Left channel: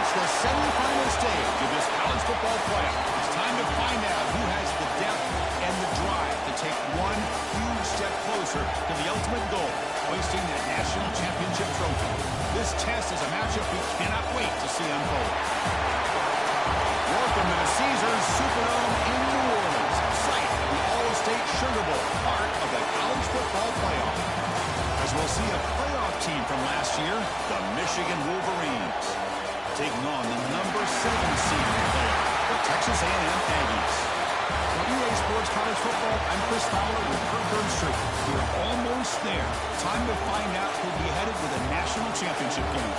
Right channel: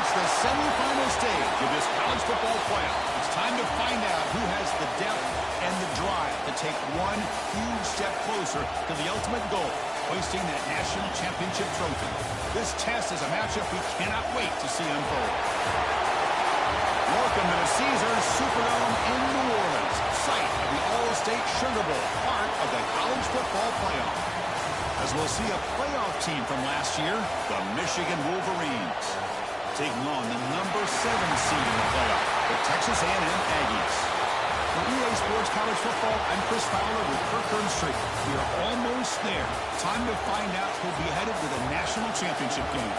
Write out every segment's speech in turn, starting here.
reached the semifinal stage of this college football playoff. It's time to find out who has the depth and the drive to take one huge step closer to the ultimate goal, hoisting that national championship trophy. This test is a matchup we cannot wait to see unfold. Welcome to the Caesars Superdome in New Orleans, site of the All-State Sugar Bowl, part of the college football playoff. As we'll see a playoff team from last year, the Michigan Wolverines, taking on the number 7 seed in the playoff, the Texas A&M Aggies. For EA Sports College Football, I'm Chris Fowler with Kirk Burnstreet. We are almost there. Time to find out who'll be headed to the national championship game.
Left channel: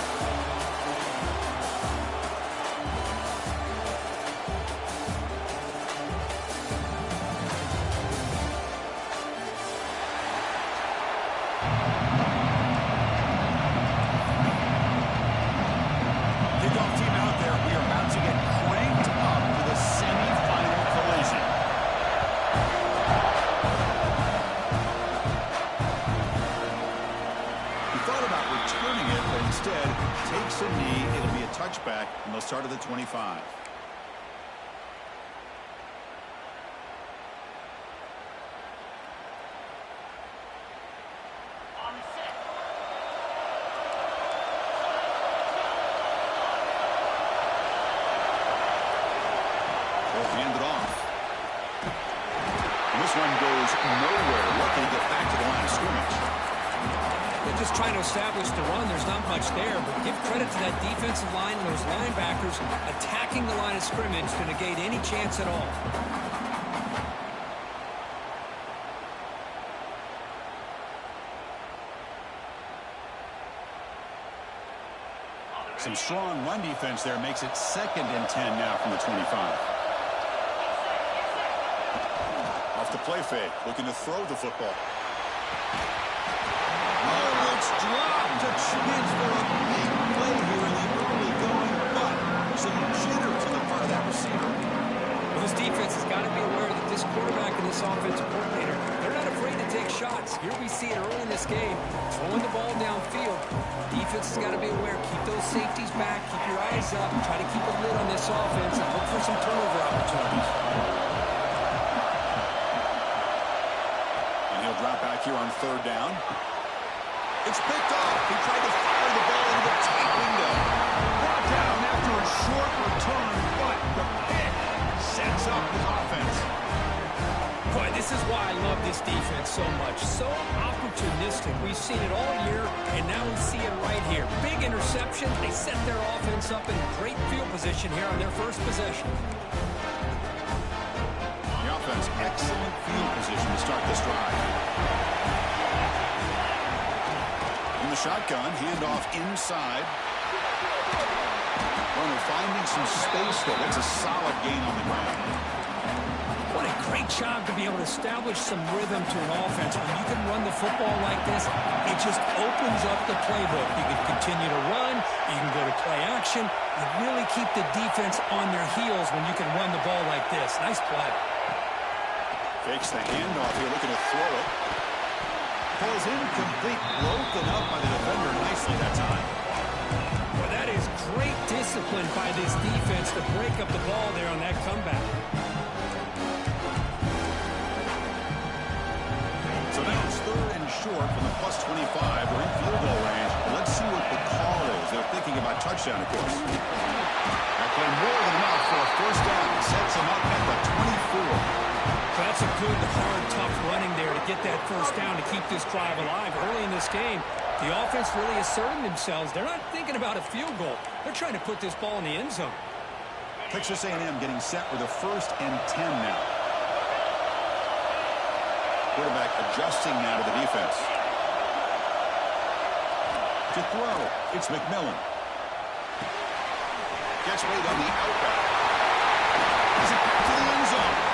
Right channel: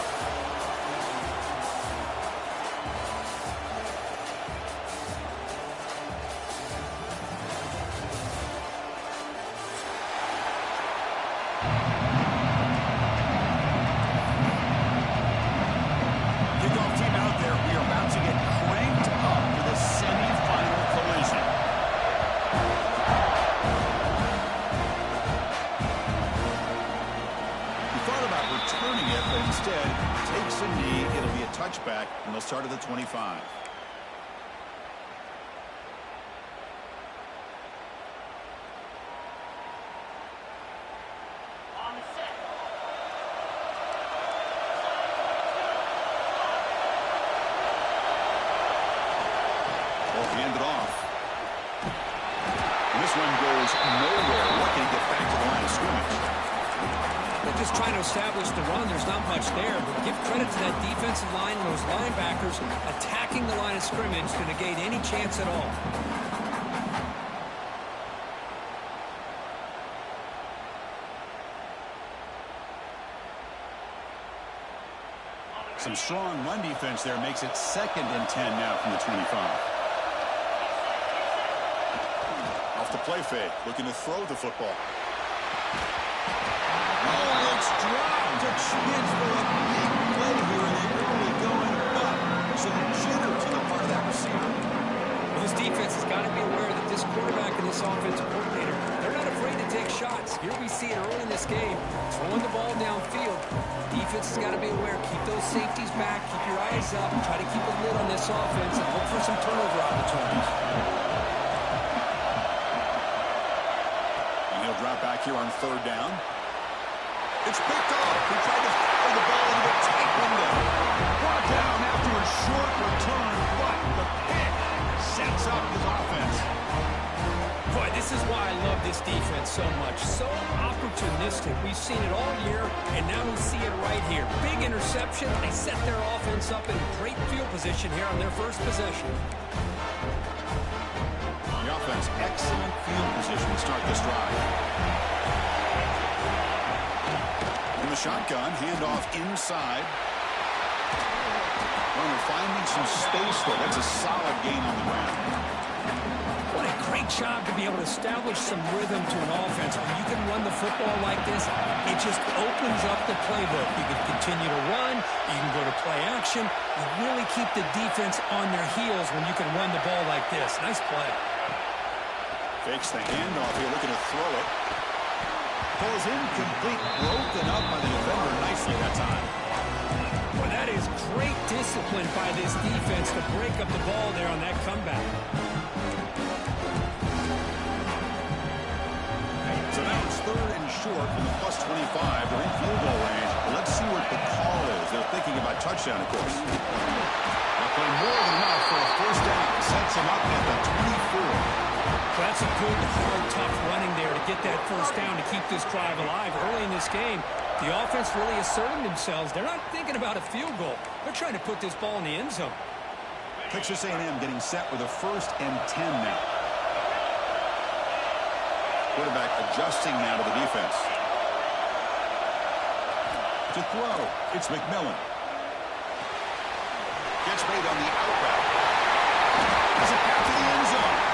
Returning it, but instead takes a knee. It'll be a touchback, and they'll start at the 25. They'll hand it off. And this one goes nowhere. What can he get back to the line of scrimmage? They're just trying to establish the run. There's not much there, but give credit to that defensive line and those linebackers attacking the line of scrimmage to negate any chance at all. Some strong run defense there makes it 2nd and 10 now from the 25. Off the play fake, looking to throw the football. Oh, it's dropped. A chance for a big play here in the early going, but some jitters on the part of that receiver. Well, this defense has got to be aware that this quarterback and this offensive coordinator, they're not afraid to take shots. Here we see it early in this game, throwing the ball downfield. Defense has got to be aware. Keep those safeties back. Keep your eyes up. Try to keep a lid on this offense and look for some turnover opportunities. And he'll drop back here on 3rd down. It's picked off. He tried to fire the ball into a tight window. Brought down after a short return, but the pick sets up his offense. Boy, this is why I love this defense so much. So opportunistic. We've seen it all year, and now we see it right here. Big interception. They set their offense up in great field position here on their first possession. The offense, excellent field position to start this drive. In the shotgun, handoff inside. Runner finding some space, though. That's a solid gain on the ground. What a great job to be able to establish some rhythm to an offense. When you can run the football like this, it just opens up the playbook. You can continue to run. You can go to play action. You really keep the defense on their heels when you can run the ball like this. Nice play. Fakes the handoff here, looking to throw it. Pulls incomplete, broken up by the defender nicely that time. Well, that is great discipline by this defense to break up the ball there on that comeback. So now it's 3rd and short from the +25. They're in field goal range. But let's see what the call is. They're thinking about touchdown, of course. That play more than enough for a 1st down. Sets them up at the 24. Well, that's a good, hard, tough running there to get that 1st down to keep this drive alive. Early in this game, the offense really asserting themselves. They're not thinking about a field goal. They're trying to put this ball in the end zone. Texas A&M getting set with a 1st and 10 now. Quarterback adjusting now to the defense. To throw, it's McMillan. Gets made on the out route. Has it back to the end zone.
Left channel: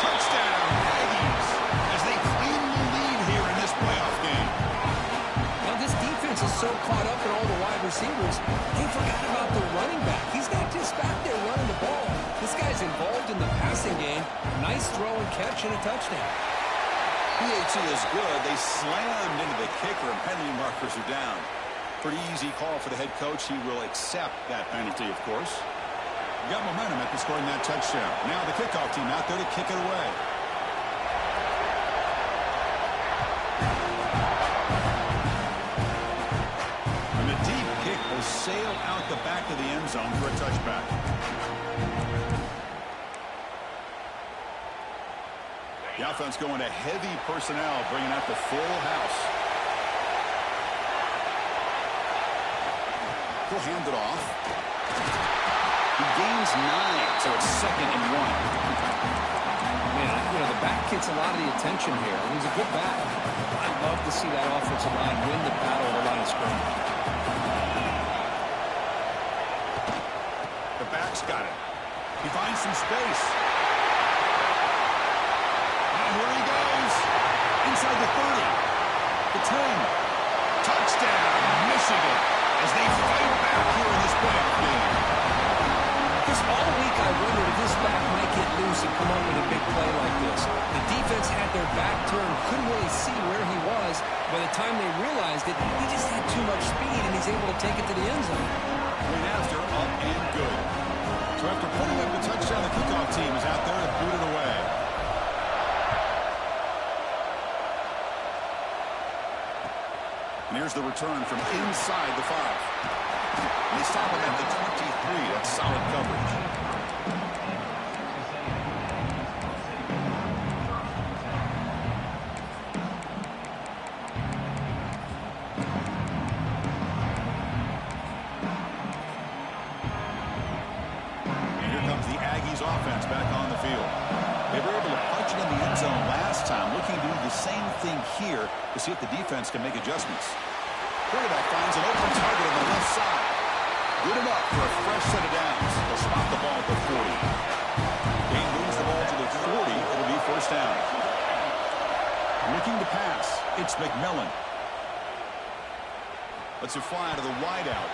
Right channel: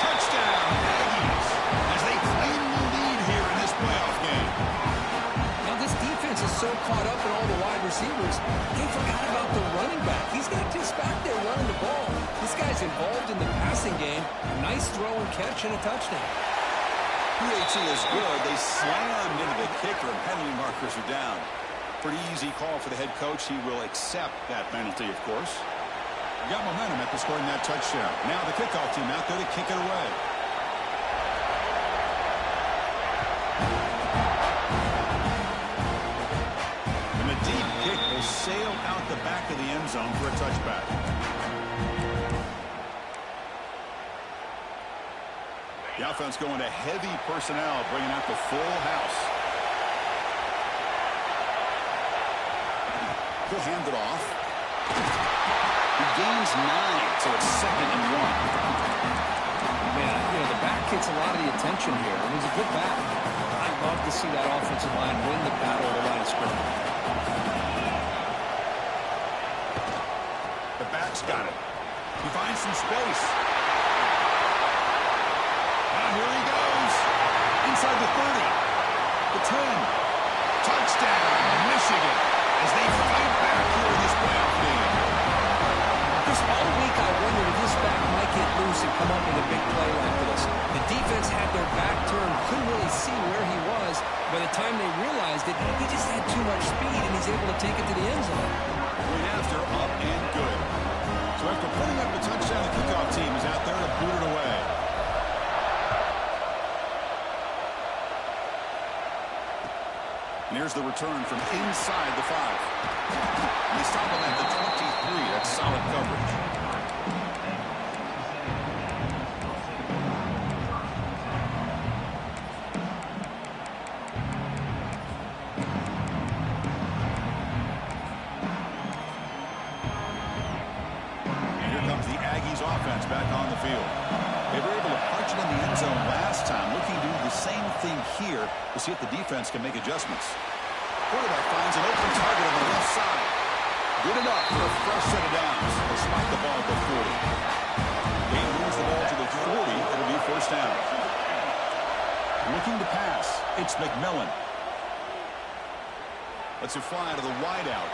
Touchdown, Aggies, as they claim the lead here in this playoff game. Now, this defense is so caught up in all the wide receivers, they forgot about the running back. He's not just back there running the ball. This guy's involved in the passing game. Nice throw and catch and a touchdown. PAT is good. They slammed into the kicker, and penalty markers are down. Pretty easy call for the head coach. He will accept that penalty, of course. Got momentum after scoring that touchdown. Now the kickoff team out there to kick it away. And the deep kick will sail out the back of the end zone for a touchback. The offense going to heavy personnel, bringing out the full house. He'll hand it off. He gains 9, so it's 2nd and 1. Man, you know, the back gets a lot of the attention here, and he's a good back. I'd love to see that offensive line win the battle at the line of scrimmage. The back's got it. He finds some space. Now here he goes. Inside the 30. The 10. Touchdown, Michigan, as they fight back here in this playoff game. Chris, all week I wondered if this back might get loose and come up with a big play like this. The defense had their back turned, couldn't really see where he was. By the time they realized it, he just had too much speed, and he's able to take it to the end zone. Went after, up and good. So after putting up the touchdown, the kickoff team is out there to boot it away. And here's the return from inside the 5. And they stop him at the 23. That's solid coverage. And here comes the Aggies offense back on the field. They were able to punch it in the end zone last time, looking to do the same thing here to see if the defense can make adjustments. Quarterback finds an open target on the left side. Good enough for a fresh set of downs. They'll spot the ball at the 40. They moves the ball to the 40. It'll be first down. Looking to pass. It's McMillan. Lets it fly to the wideout.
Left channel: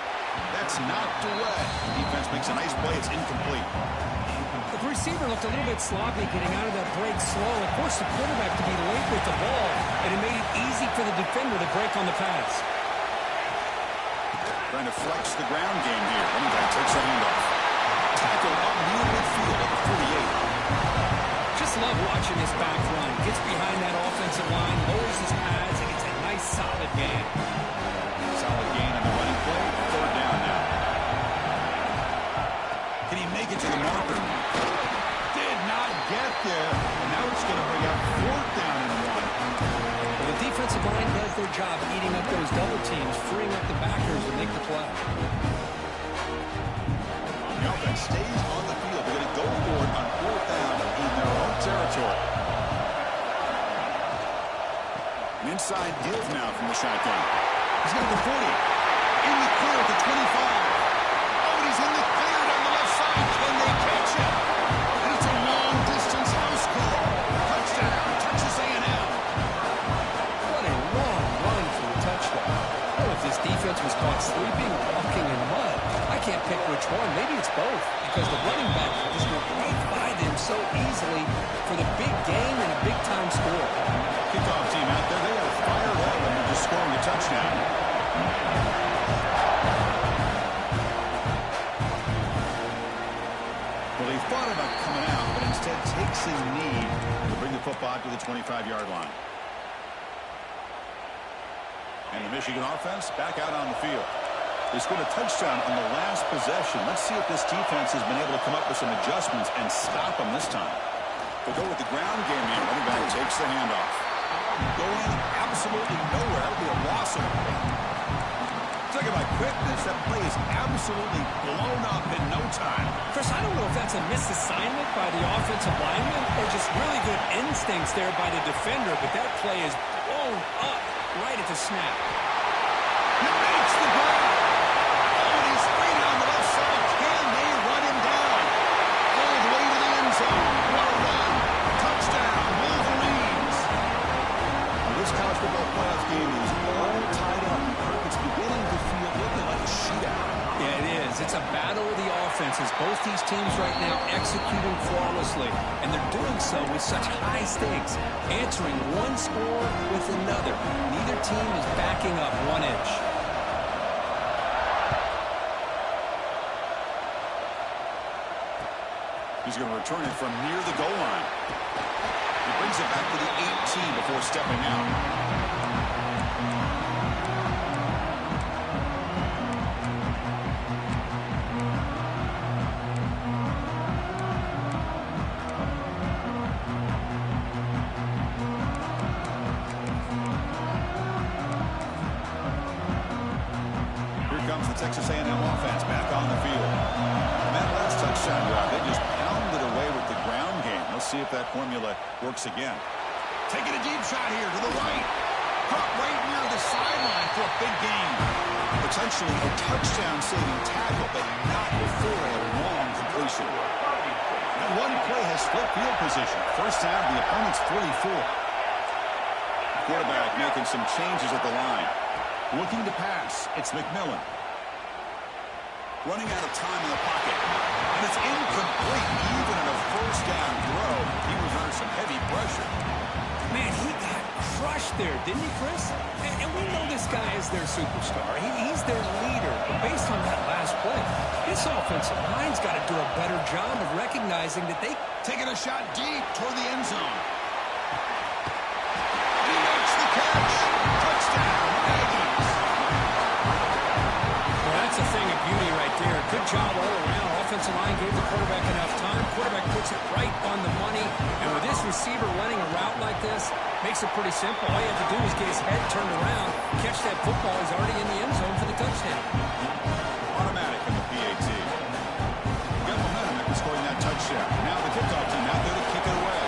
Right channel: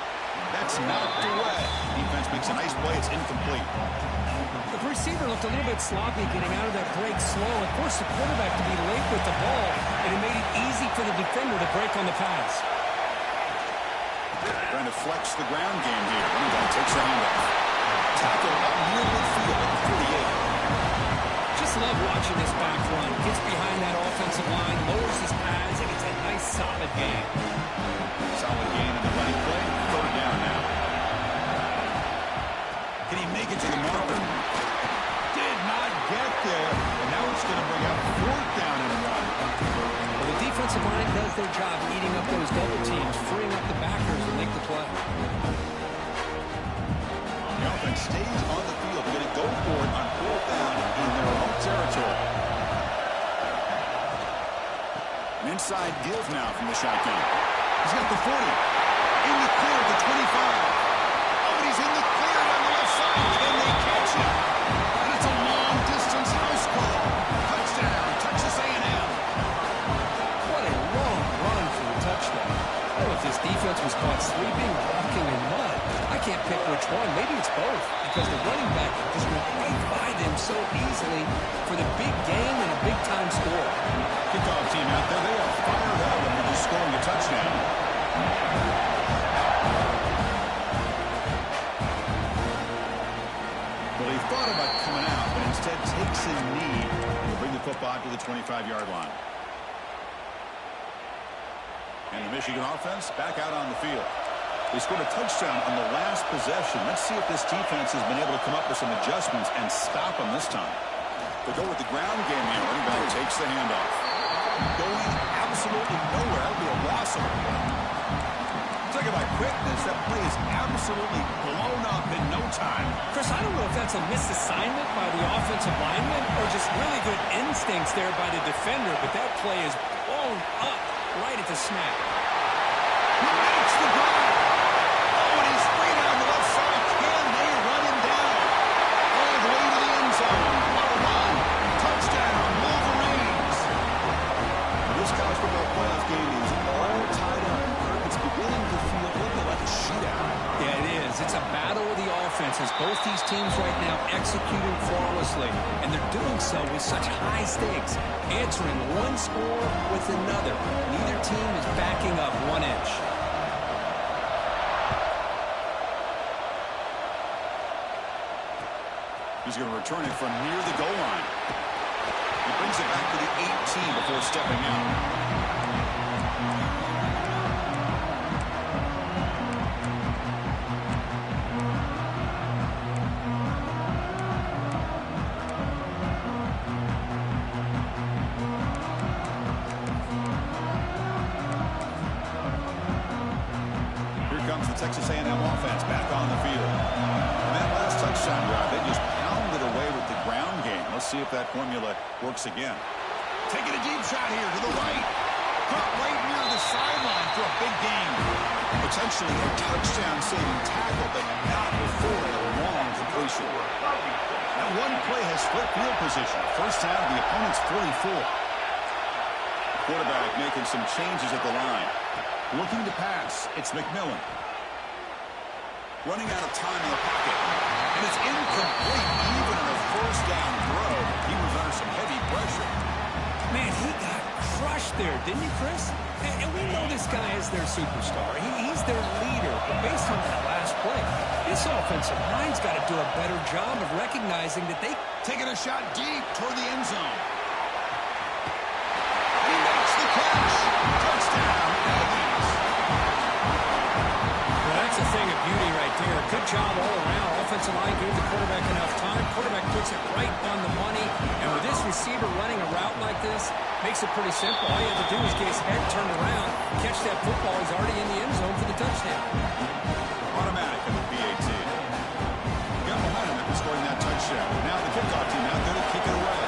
That's knocked away. Defense makes a nice play. It's incomplete. The receiver looked a little bit sloppy getting out of that break slow. It forced the quarterback to be late with the ball, and it made it easy for the defender to break on the pass. Trying to flex the ground game here. Running back takes the handoff. Tackle up near midfield at the 48. Just love watching this back run. Gets behind that offensive line, lowers his pads, and gets a nice solid gain. Solid gain on the running play. 3rd down now. Can he make it to the marker? Did not get there. And now it's going to bring up 4th down and 1. Well, the defensive line does their job eating up those double teams, freeing up the backers to make the play. The offense stays on the field. They're going to go for it on 4th down in their own territory. An inside give now from the shotgun. He's got the 40. In the clear at the 25. Oh, and he's in the clear down the left side. Can they catch him? And it's a long-distance house call. Touchdown, Texas A&M. What a long run for the touchdown. I don't know if this defense was caught sleeping or walking in mud. I can't pick which one. Maybe it's both, because the running back just went right by them so easily for the big gain and a big-time score. Kickoff team out there, they are fired up and they're just scoring a touchdown. Well, he thought about coming out, but instead takes a knee to bring the football to the 25-yard line. And the Michigan offense back out on the field. They scored a touchdown on the last possession. Let's see if this defense has been able to come up with some adjustments and stop them this time. They'll go with the ground game here. Running back takes the handoff. Going absolutely nowhere. That would be a loss of a play. Talking about quickness, that play is absolutely blown up in no time. Chris, I don't know if that's a misassignment by the offensive lineman or just really good instincts there by the defender, but that play is blown up right at the snap. He makes the grab. Oh, and he's free down the left side. Can they run him down? All the way to the end zone. What a run. Touchdown, Wolverines. Well, this college football playoff game is all tied up. It's beginning to feel a little bit like a shootout. Yeah, it is. It's a battle of the offenses. Both these teams right now executing flawlessly, and they're doing so with such high stakes, answering one score with another. Neither team is backing up 1 inch. He's going to return it from near the goal line. He brings it back to the 18 before stepping out. Texas A&M offense back on the field. And that last touchdown drive, they just pounded away with the ground game. Let's see if that formula works again. Taking a deep shot here to the right. Caught right near the sideline for a big gain. Potentially a touchdown-saving tackle, but not before a long completion. That one play has split field position. First down to the opponent's 44. Quarterback making some changes at the line. Looking to pass. It's McMillan. Running out of time in the pocket. And it's incomplete even on a first down throw. He was under some heavy pressure. Man, he got crushed there, didn't he, Chris? And we know this guy is their superstar. He's their leader. But based on that last play, this offensive line's got to do a better job of recognizing that they... Taking a shot deep toward the end zone. And he makes the catch. Touchdown, Aggies. Well, that's a thing of beauty right there. Good job all around. Offensive line gave the quarterback enough time. Quarterback puts it right on the money. And with this receiver running a route like this, makes it pretty simple. All you have to do is get his head turned around, catch that football. He's already in the end zone for the touchdown. Automatic in the PAT. Got momentum after scoring that touchdown. Now the kickoff team out there to kick it away.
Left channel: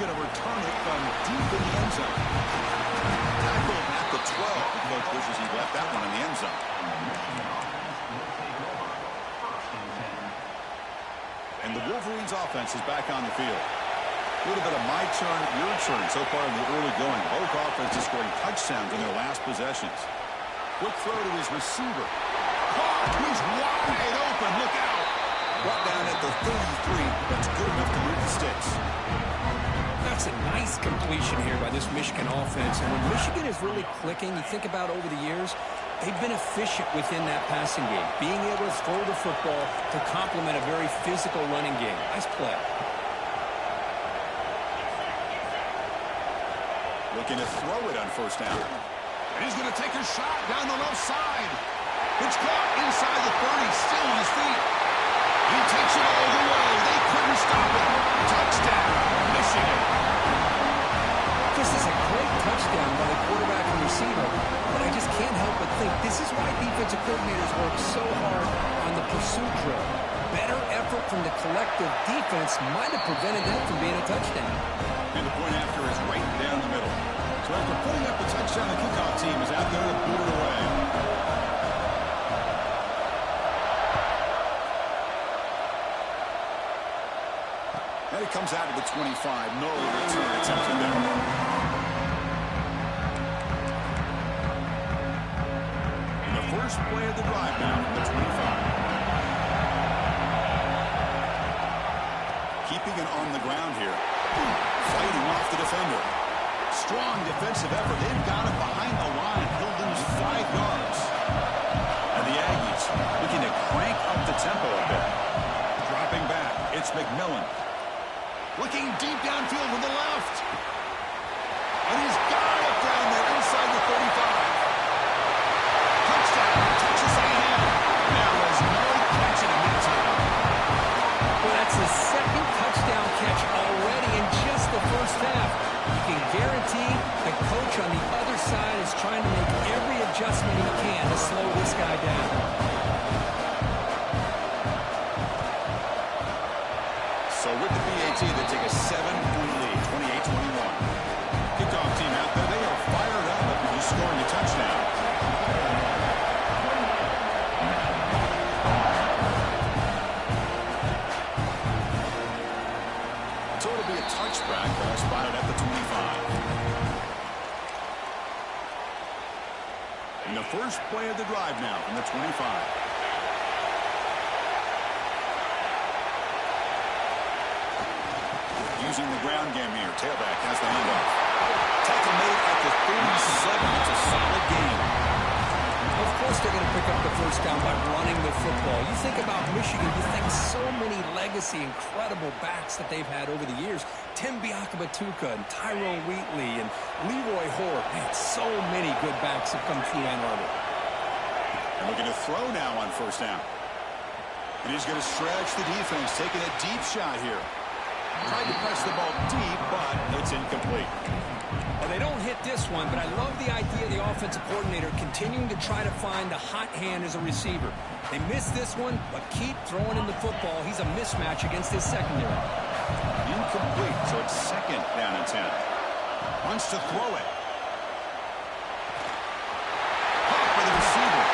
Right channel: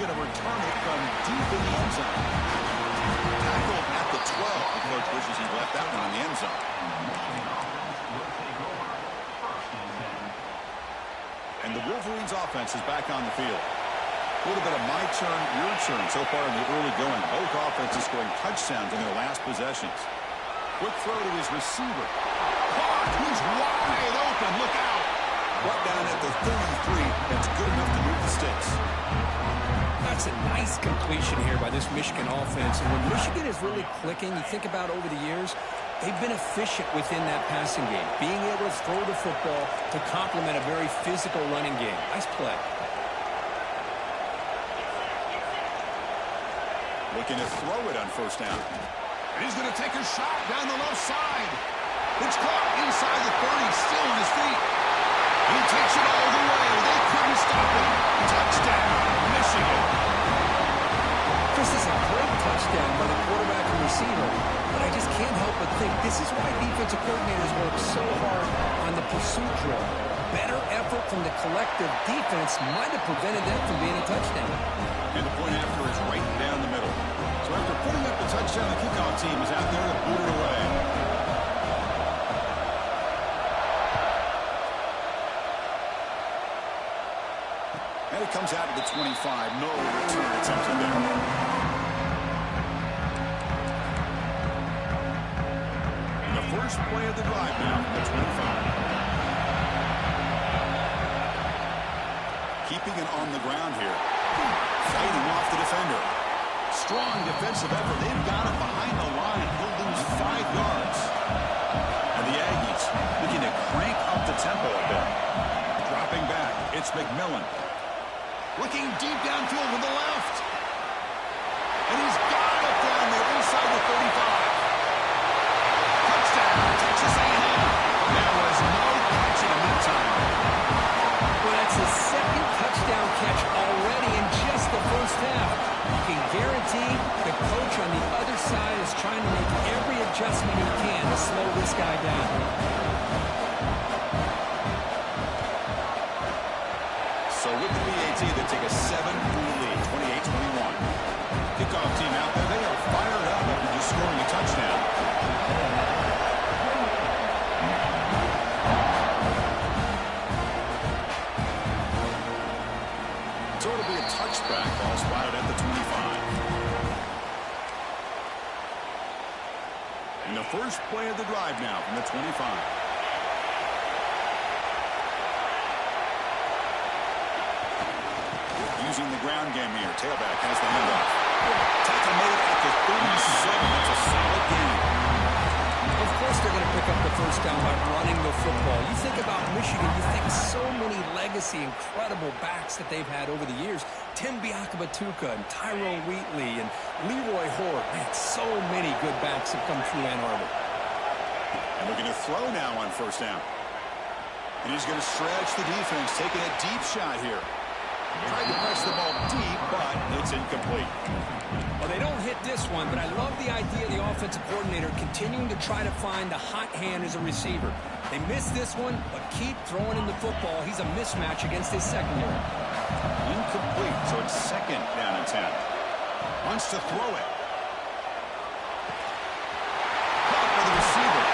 Going to return it from deep in the end zone. Tackled at the 12. The coach wishes he left that one in the end zone. And the Wolverines offense is back on the field. A little bit of my turn, your turn so far in the early going. Both offenses scoring touchdowns in their last possessions. Quick throw to his receiver. Caught! He's wide open. Look out! Brought down at the 33. That's good enough to move the sticks. That's a nice completion here by this Michigan offense. And when Michigan is really clicking, you think about over the years, they've been efficient within that passing game, being able to throw the football to complement a very physical running game. Nice play. Looking to throw it on first down. And he's going to take a shot down the left side. It's caught inside the 30, still on his feet. He takes it all the way. They couldn't stop him. Touchdown, Michigan. This is a great touchdown by the quarterback and receiver, but I just can't help but think this is why defensive coordinators work so hard on the pursuit drill. Better effort from the collective defense might have prevented that from being a touchdown. And the point after is right down the middle. So after putting up the touchdown, the kickoff team is out there to boot it away. And it comes out to the 25. No return attempted there. And the first play of the drive now from the 25. Keeping it on the ground here. Fighting off the defender. Strong defensive effort. They've got him behind the line. He'll lose 5 yards. And the Aggies looking to crank up the tempo a bit. Dropping back. It's McMillan. Looking deep downfield to the left. And he's got it down there inside the 35. Touchdown, Texas A&M. There was no catch in the meantime. Well, that's his second touchdown catch already in just the first half. You can guarantee the coach on the other side is trying to make every adjustment he can to slow this guy down. So with the PAT, they take a 7-point lead, 28-21. Kickoff team out there, they are fired up after just scoring a touchdown. So it'll be a touchback, ball spotted at the 25. And the first play of the drive now from the 25. using the ground game here. Tailback has the handoff. Tackle made at the 37. That's a solid gain. Of course they're going to pick up the first down by running the football. You think about Michigan, you think so many legacy, incredible backs that they've had over the years. Tim Biakabatuka and Tyrone Wheatley and Leroy Hoare. Man, so many good backs have come through Ann Arbor. And looking to throw now on first down. And he's going to stretch the defense, taking a deep shot here. Tried to press the ball deep, but it's incomplete. Well, they don't hit this one, but I love the idea of the offensive coordinator continuing to try to find the hot hand as a receiver. They missed this one, but keep throwing him the football. He's a mismatch against his secondary. Incomplete, so it's second down and 10. Wants to throw it. Caught by the receiver.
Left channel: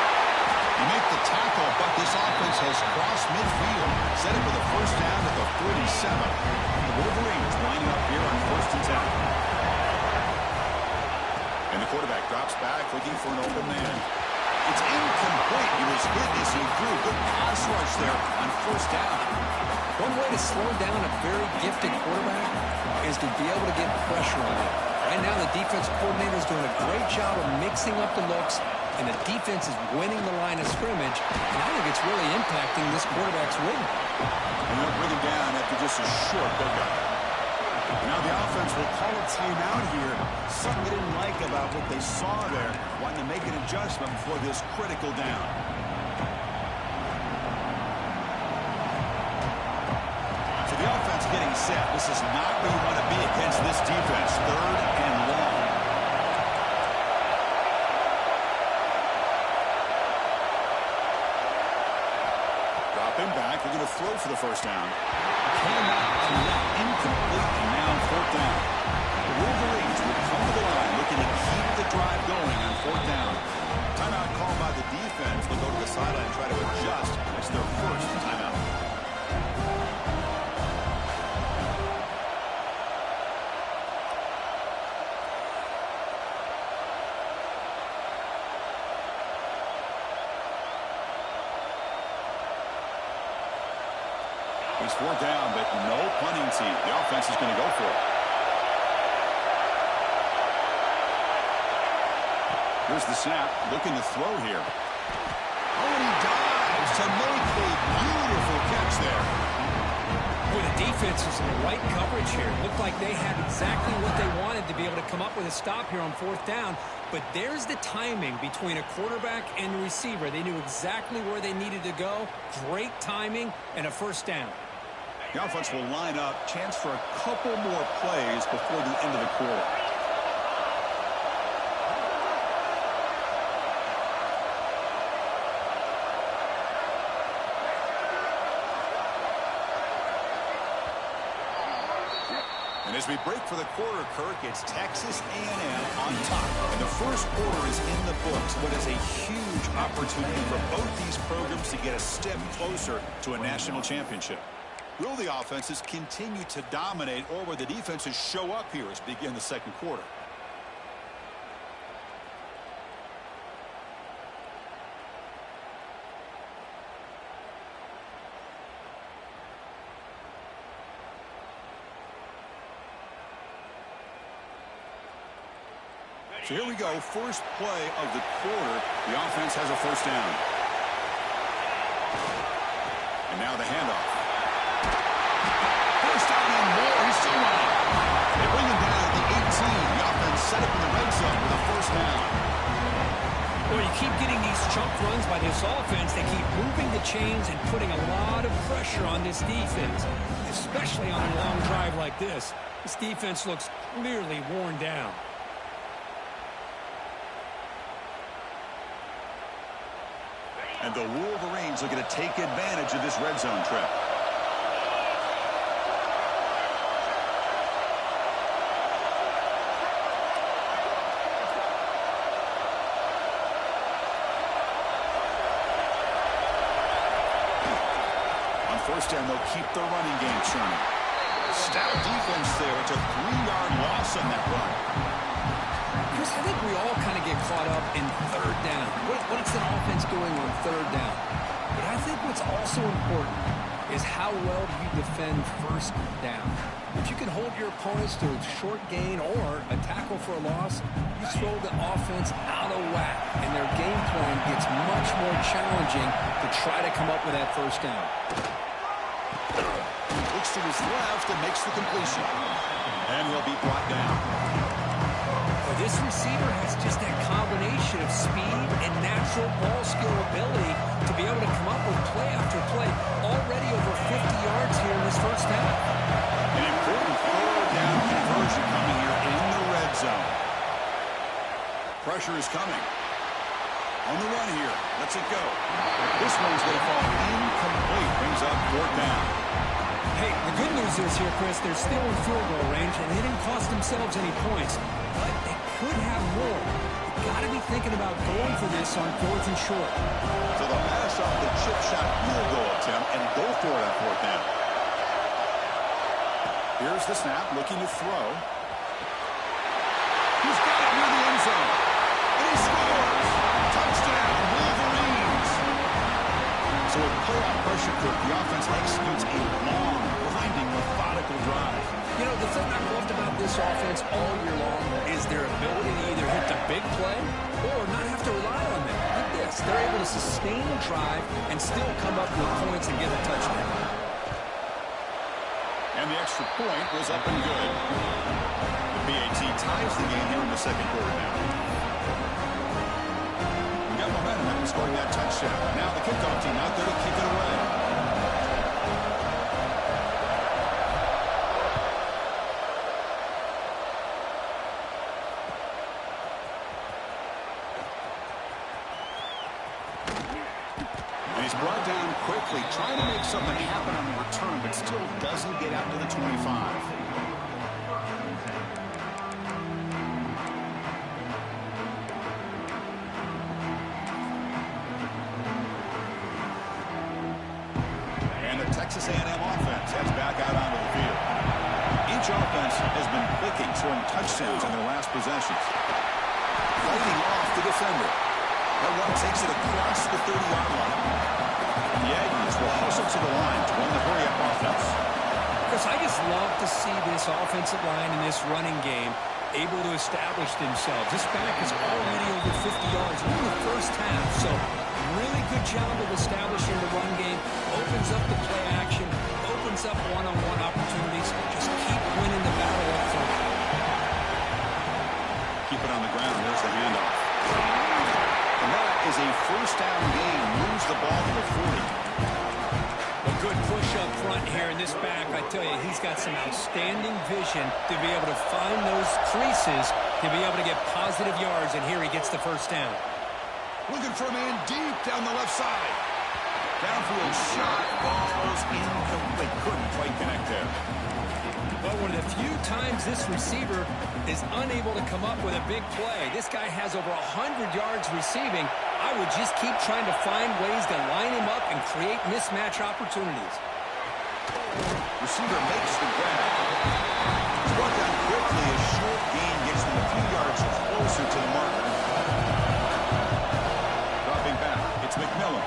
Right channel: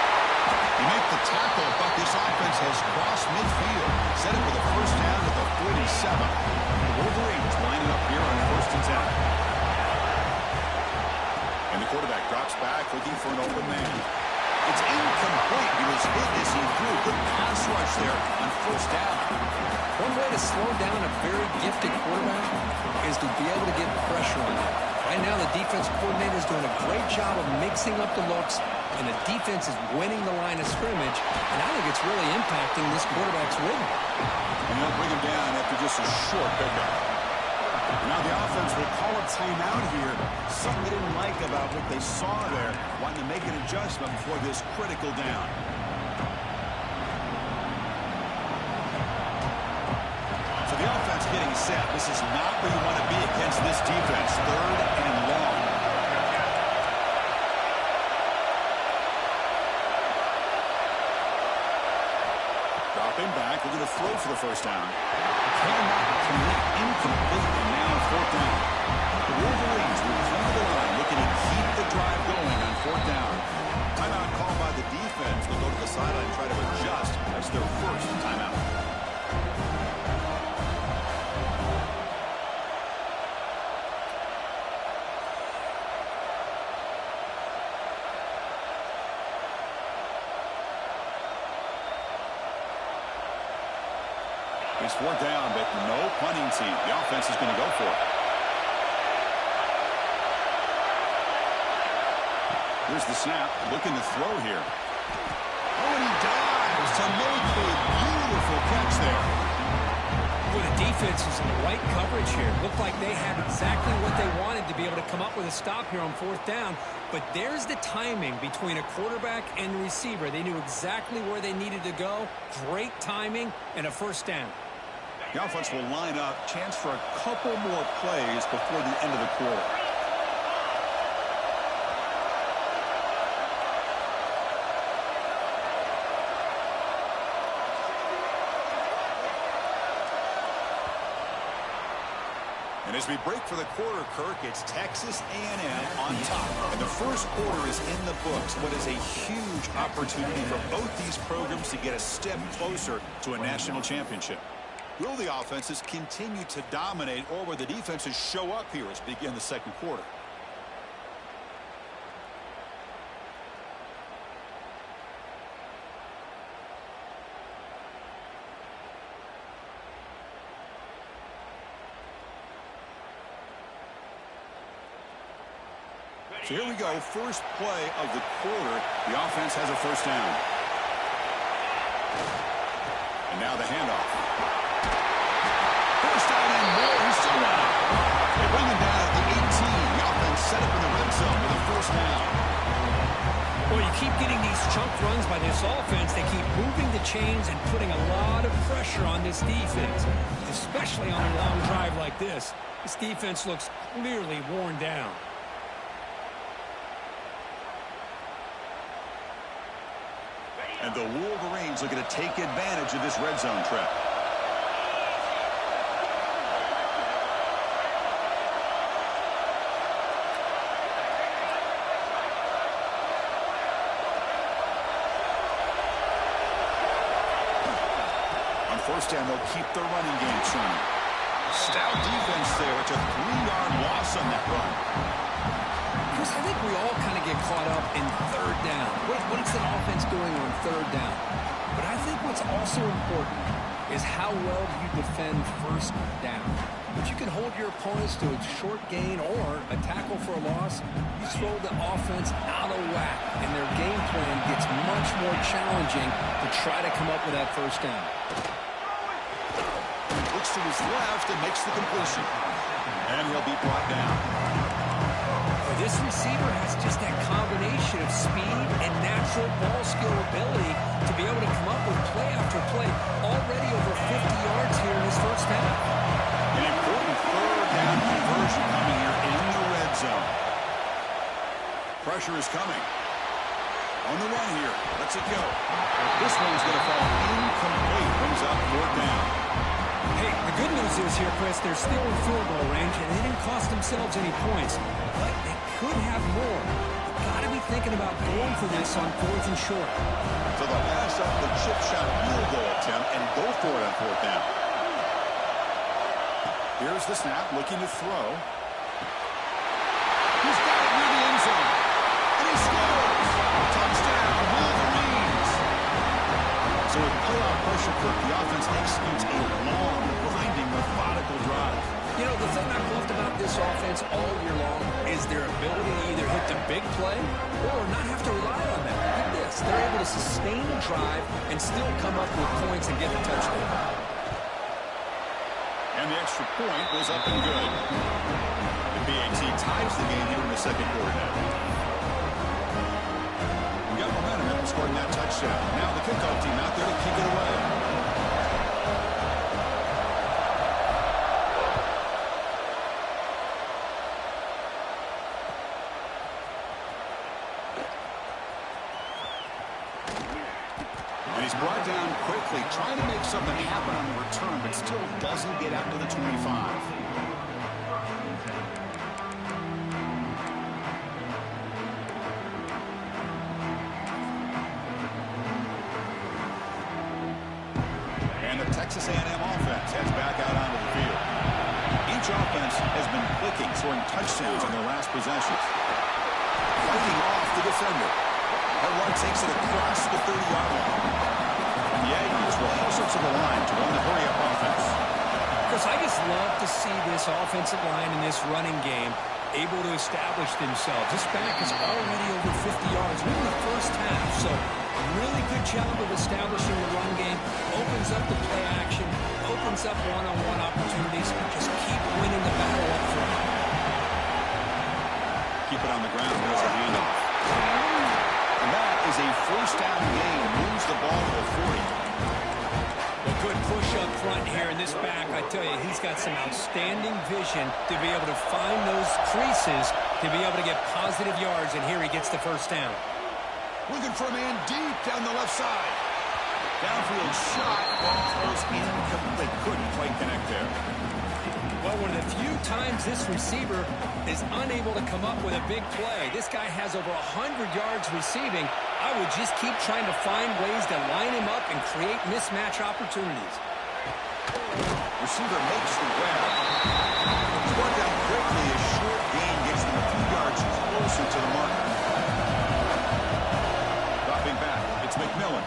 He made the tackle, but this offense has crossed midfield. Set up with a first down at the 47. The Wolverines lining up here on first and 10. And the quarterback drops back, looking for an open man. It's incomplete. He was hit as he threw. Good pass rush there on first down. One way to slow down a very gifted quarterback is to be able to get pressure on him. Right now, the defense coordinator is doing a great job of mixing up the looks, and the defense is winning the line of scrimmage, and I think it's really impacting this quarterback's rhythm. And they'll bring him down after just a short pickup. And now the offense will call a timeout here. Something they didn't like about what they saw there, wanting to make an adjustment before this critical down. So the offense getting set. This is not where you want to be against this defense. Third and long. Dropping back, they're going to throw for the first down. Cannot connect, incomplete, and now fourth down. The Wolverines will come to the line, looking to keep the drive going on fourth down. Timeout called by the defense. They'll go to the sideline and try to adjust. That's their first timeout. It's fourth down, but no punting team. The offense is going to go for it. Here's the snap, looking to throw here. Oh, and he dives to make a beautiful catch there. Well, the defense is in the right coverage here. Looked like they had exactly what they wanted to be able to come up with a stop here on fourth down. But there's the timing between a quarterback and the receiver. They knew exactly where they needed to go. Great timing and a first down. The offense will line up. Chance for a couple more plays before the end of the quarter. And as we break for the quarter, Kirk, it's Texas A&M on top. And the first quarter is in the books. What is a huge opportunity for both these programs to get a step closer to a national championship. Will the offenses continue to dominate, or will the defenses show up here as we begin the second quarter? So here we go, first play of the quarter. The offense has a first down. And now the handoff. First down and more. He's still running. They bring him down at the 18. The offense set up in the red zone with a first down. Well, you keep getting these chunk runs by this offense. They keep moving the chains and putting a lot of pressure on this defense, especially on a long drive like this. This defense looks clearly worn down. And the Wolverines looking to take advantage of this red zone trip. On first down, they'll keep the running game churning. Stout defense there. It's a 3-yard loss on that run. Chris, I think we all kind of get caught up in third down. What is an offense doing on third down? But I think what's also important is how well do you defend first down. If you can hold your opponents to a short gain or a tackle for a loss, you throw the offense out of whack, and their game plan gets much more challenging to try to come up with that first down. Looks to his left and makes the completion. And he'll be brought down. Well, this receiver has just that combination of speed and natural ball skill ability to be able to come up with play after play. Already over 50 yards here in this first half. An important third down conversion coming here in the red zone. Pressure is coming. On the run here. Lets it go. This one's going to fall incomplete. Brings up fourth down. Hey, the good news is here, Chris, they're still in field goal range, and they didn't cost themselves any points. But they could have more. You've got to be thinking about going for this on fourth and short. So they'll pass up the chip shot field goal attempt and go for it on fourth down. Here's the snap, looking to throw. He's got it near the end zone. And he scores! Touchdown, Wolverines! So with playoff pressure, Kirk, the offense executes a long, grinding, methodical drive. You know, the thing I've loved about this offense all year long is their ability to either hit the big play or not have to rely on them. Like this, they're able to sustain a drive and still come up with points and get the touchdown. And the extra point was up and good. The PAT ties the game here in the second quarter now. We got momentum after scoring that touchdown. Now the kickoff team out there to kick it away. And he's brought down quickly, trying to make something happen on the return, but still doesn't get out to the 25. And the Texas A&M offense heads back out onto the field. Each offense has been clicking, scoring touchdowns on their last possessions. Fighting off the defender. That one takes it across the 30-yard line. The Aggies will hustle to the line to run the hurry-up offense. Chris, I just love to see this offensive line in this running game able to establish themselves. This back is already over 50 yards. We're in the first half, so really good job of establishing the run game. Opens up the play action, opens up one-on-one opportunities. Just keep winning the battle up front. Keep it on the ground. There's the handoff. And that is a first down gain. Moves the ball to the 40. A good push up front here in this back. I tell you, he's got some outstanding vision to be able to find those creases, to be able to get positive yards, and here he gets the first down. Looking for a man deep down the left side. Downfield shot, falls incomplete. Couldn't quite connect there. Well, one of the few times this receiver is unable to come up with a big play. This guy has over 100 yards receiving. I would just keep trying to find ways to line him up and create mismatch opportunities. Receiver makes the grab. It's brought down quickly. A short gain gets them a few yards closer to the marker. Dropping back, it's McMillan.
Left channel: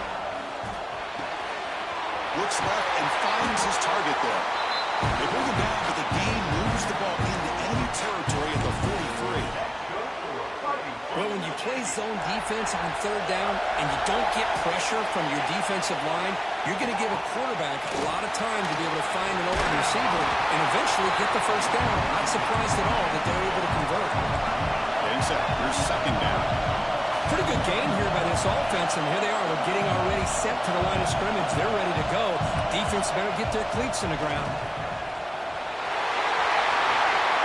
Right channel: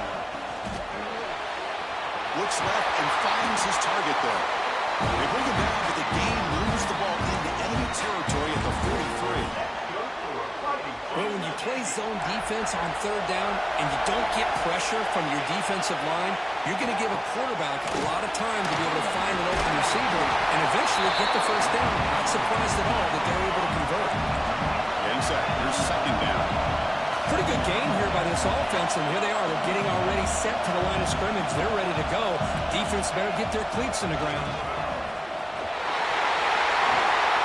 Looks left and finds his target there. They bring him down, but the gain moves the ball into enemy territory at the 43. Well, when you play zone defense on third down and you don't get pressure from your defensive line, you're going to give a quarterback a lot of time to be able to find an open receiver and eventually get the first down. Not surprised at all that they're able to convert. Getting set. Here's second down. Pretty good gain here by this offense, and here they are. They're getting already set to the line of scrimmage. They're ready to go. Defense better get their cleats in the ground.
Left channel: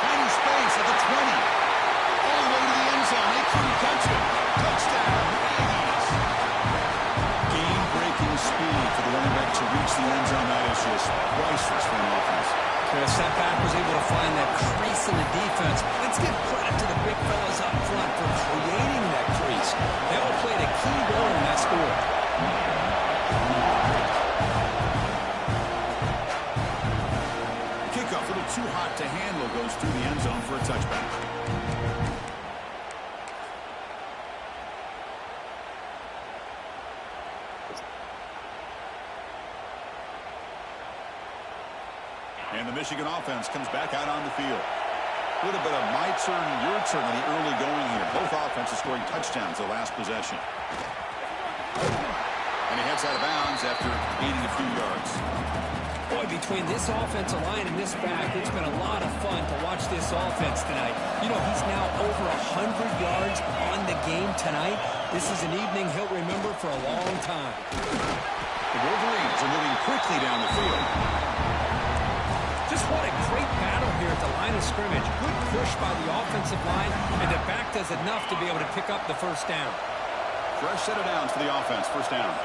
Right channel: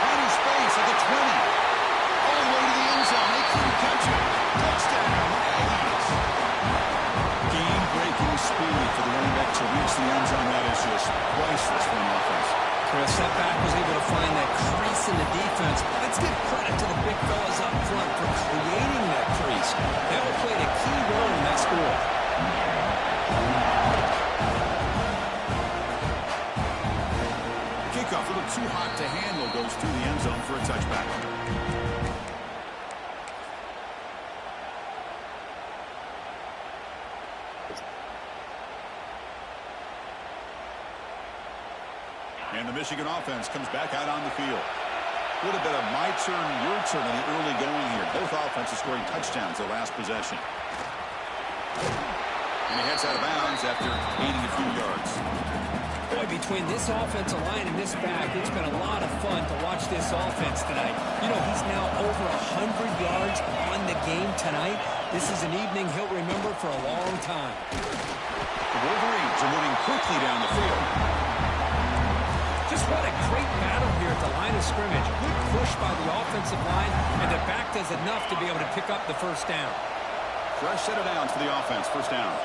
Finding space at the 20. All the way to the end zone. They couldn't catch him. Touchdown, Aggies. Game-breaking speed for the running back to reach the end zone. That is just priceless for an offense. Chris, that back was able to find that crease in the defense. Let's give credit to the big fellas up front for creating that crease. They all played a key role in that score. The kickoff, a little too hot to handle, goes through the end zone for a touchback. And the Michigan offense comes back out on the field. A little bit of my turn, your turn in the early going here. Both offenses scoring touchdowns their last possession. And he heads out of bounds after gaining a few yards. Boy, between this offensive line and this back, it's been a lot of fun to watch this offense tonight. You know, he's now over 100 yards on the game tonight. This is an evening he'll remember for a long time. The Wolverines are moving quickly down the field. Just what a great battle here at the line of scrimmage. Good push by the offensive line, and the back does enough to be able to pick up the first down. Fresh set of downs for the offense. First down.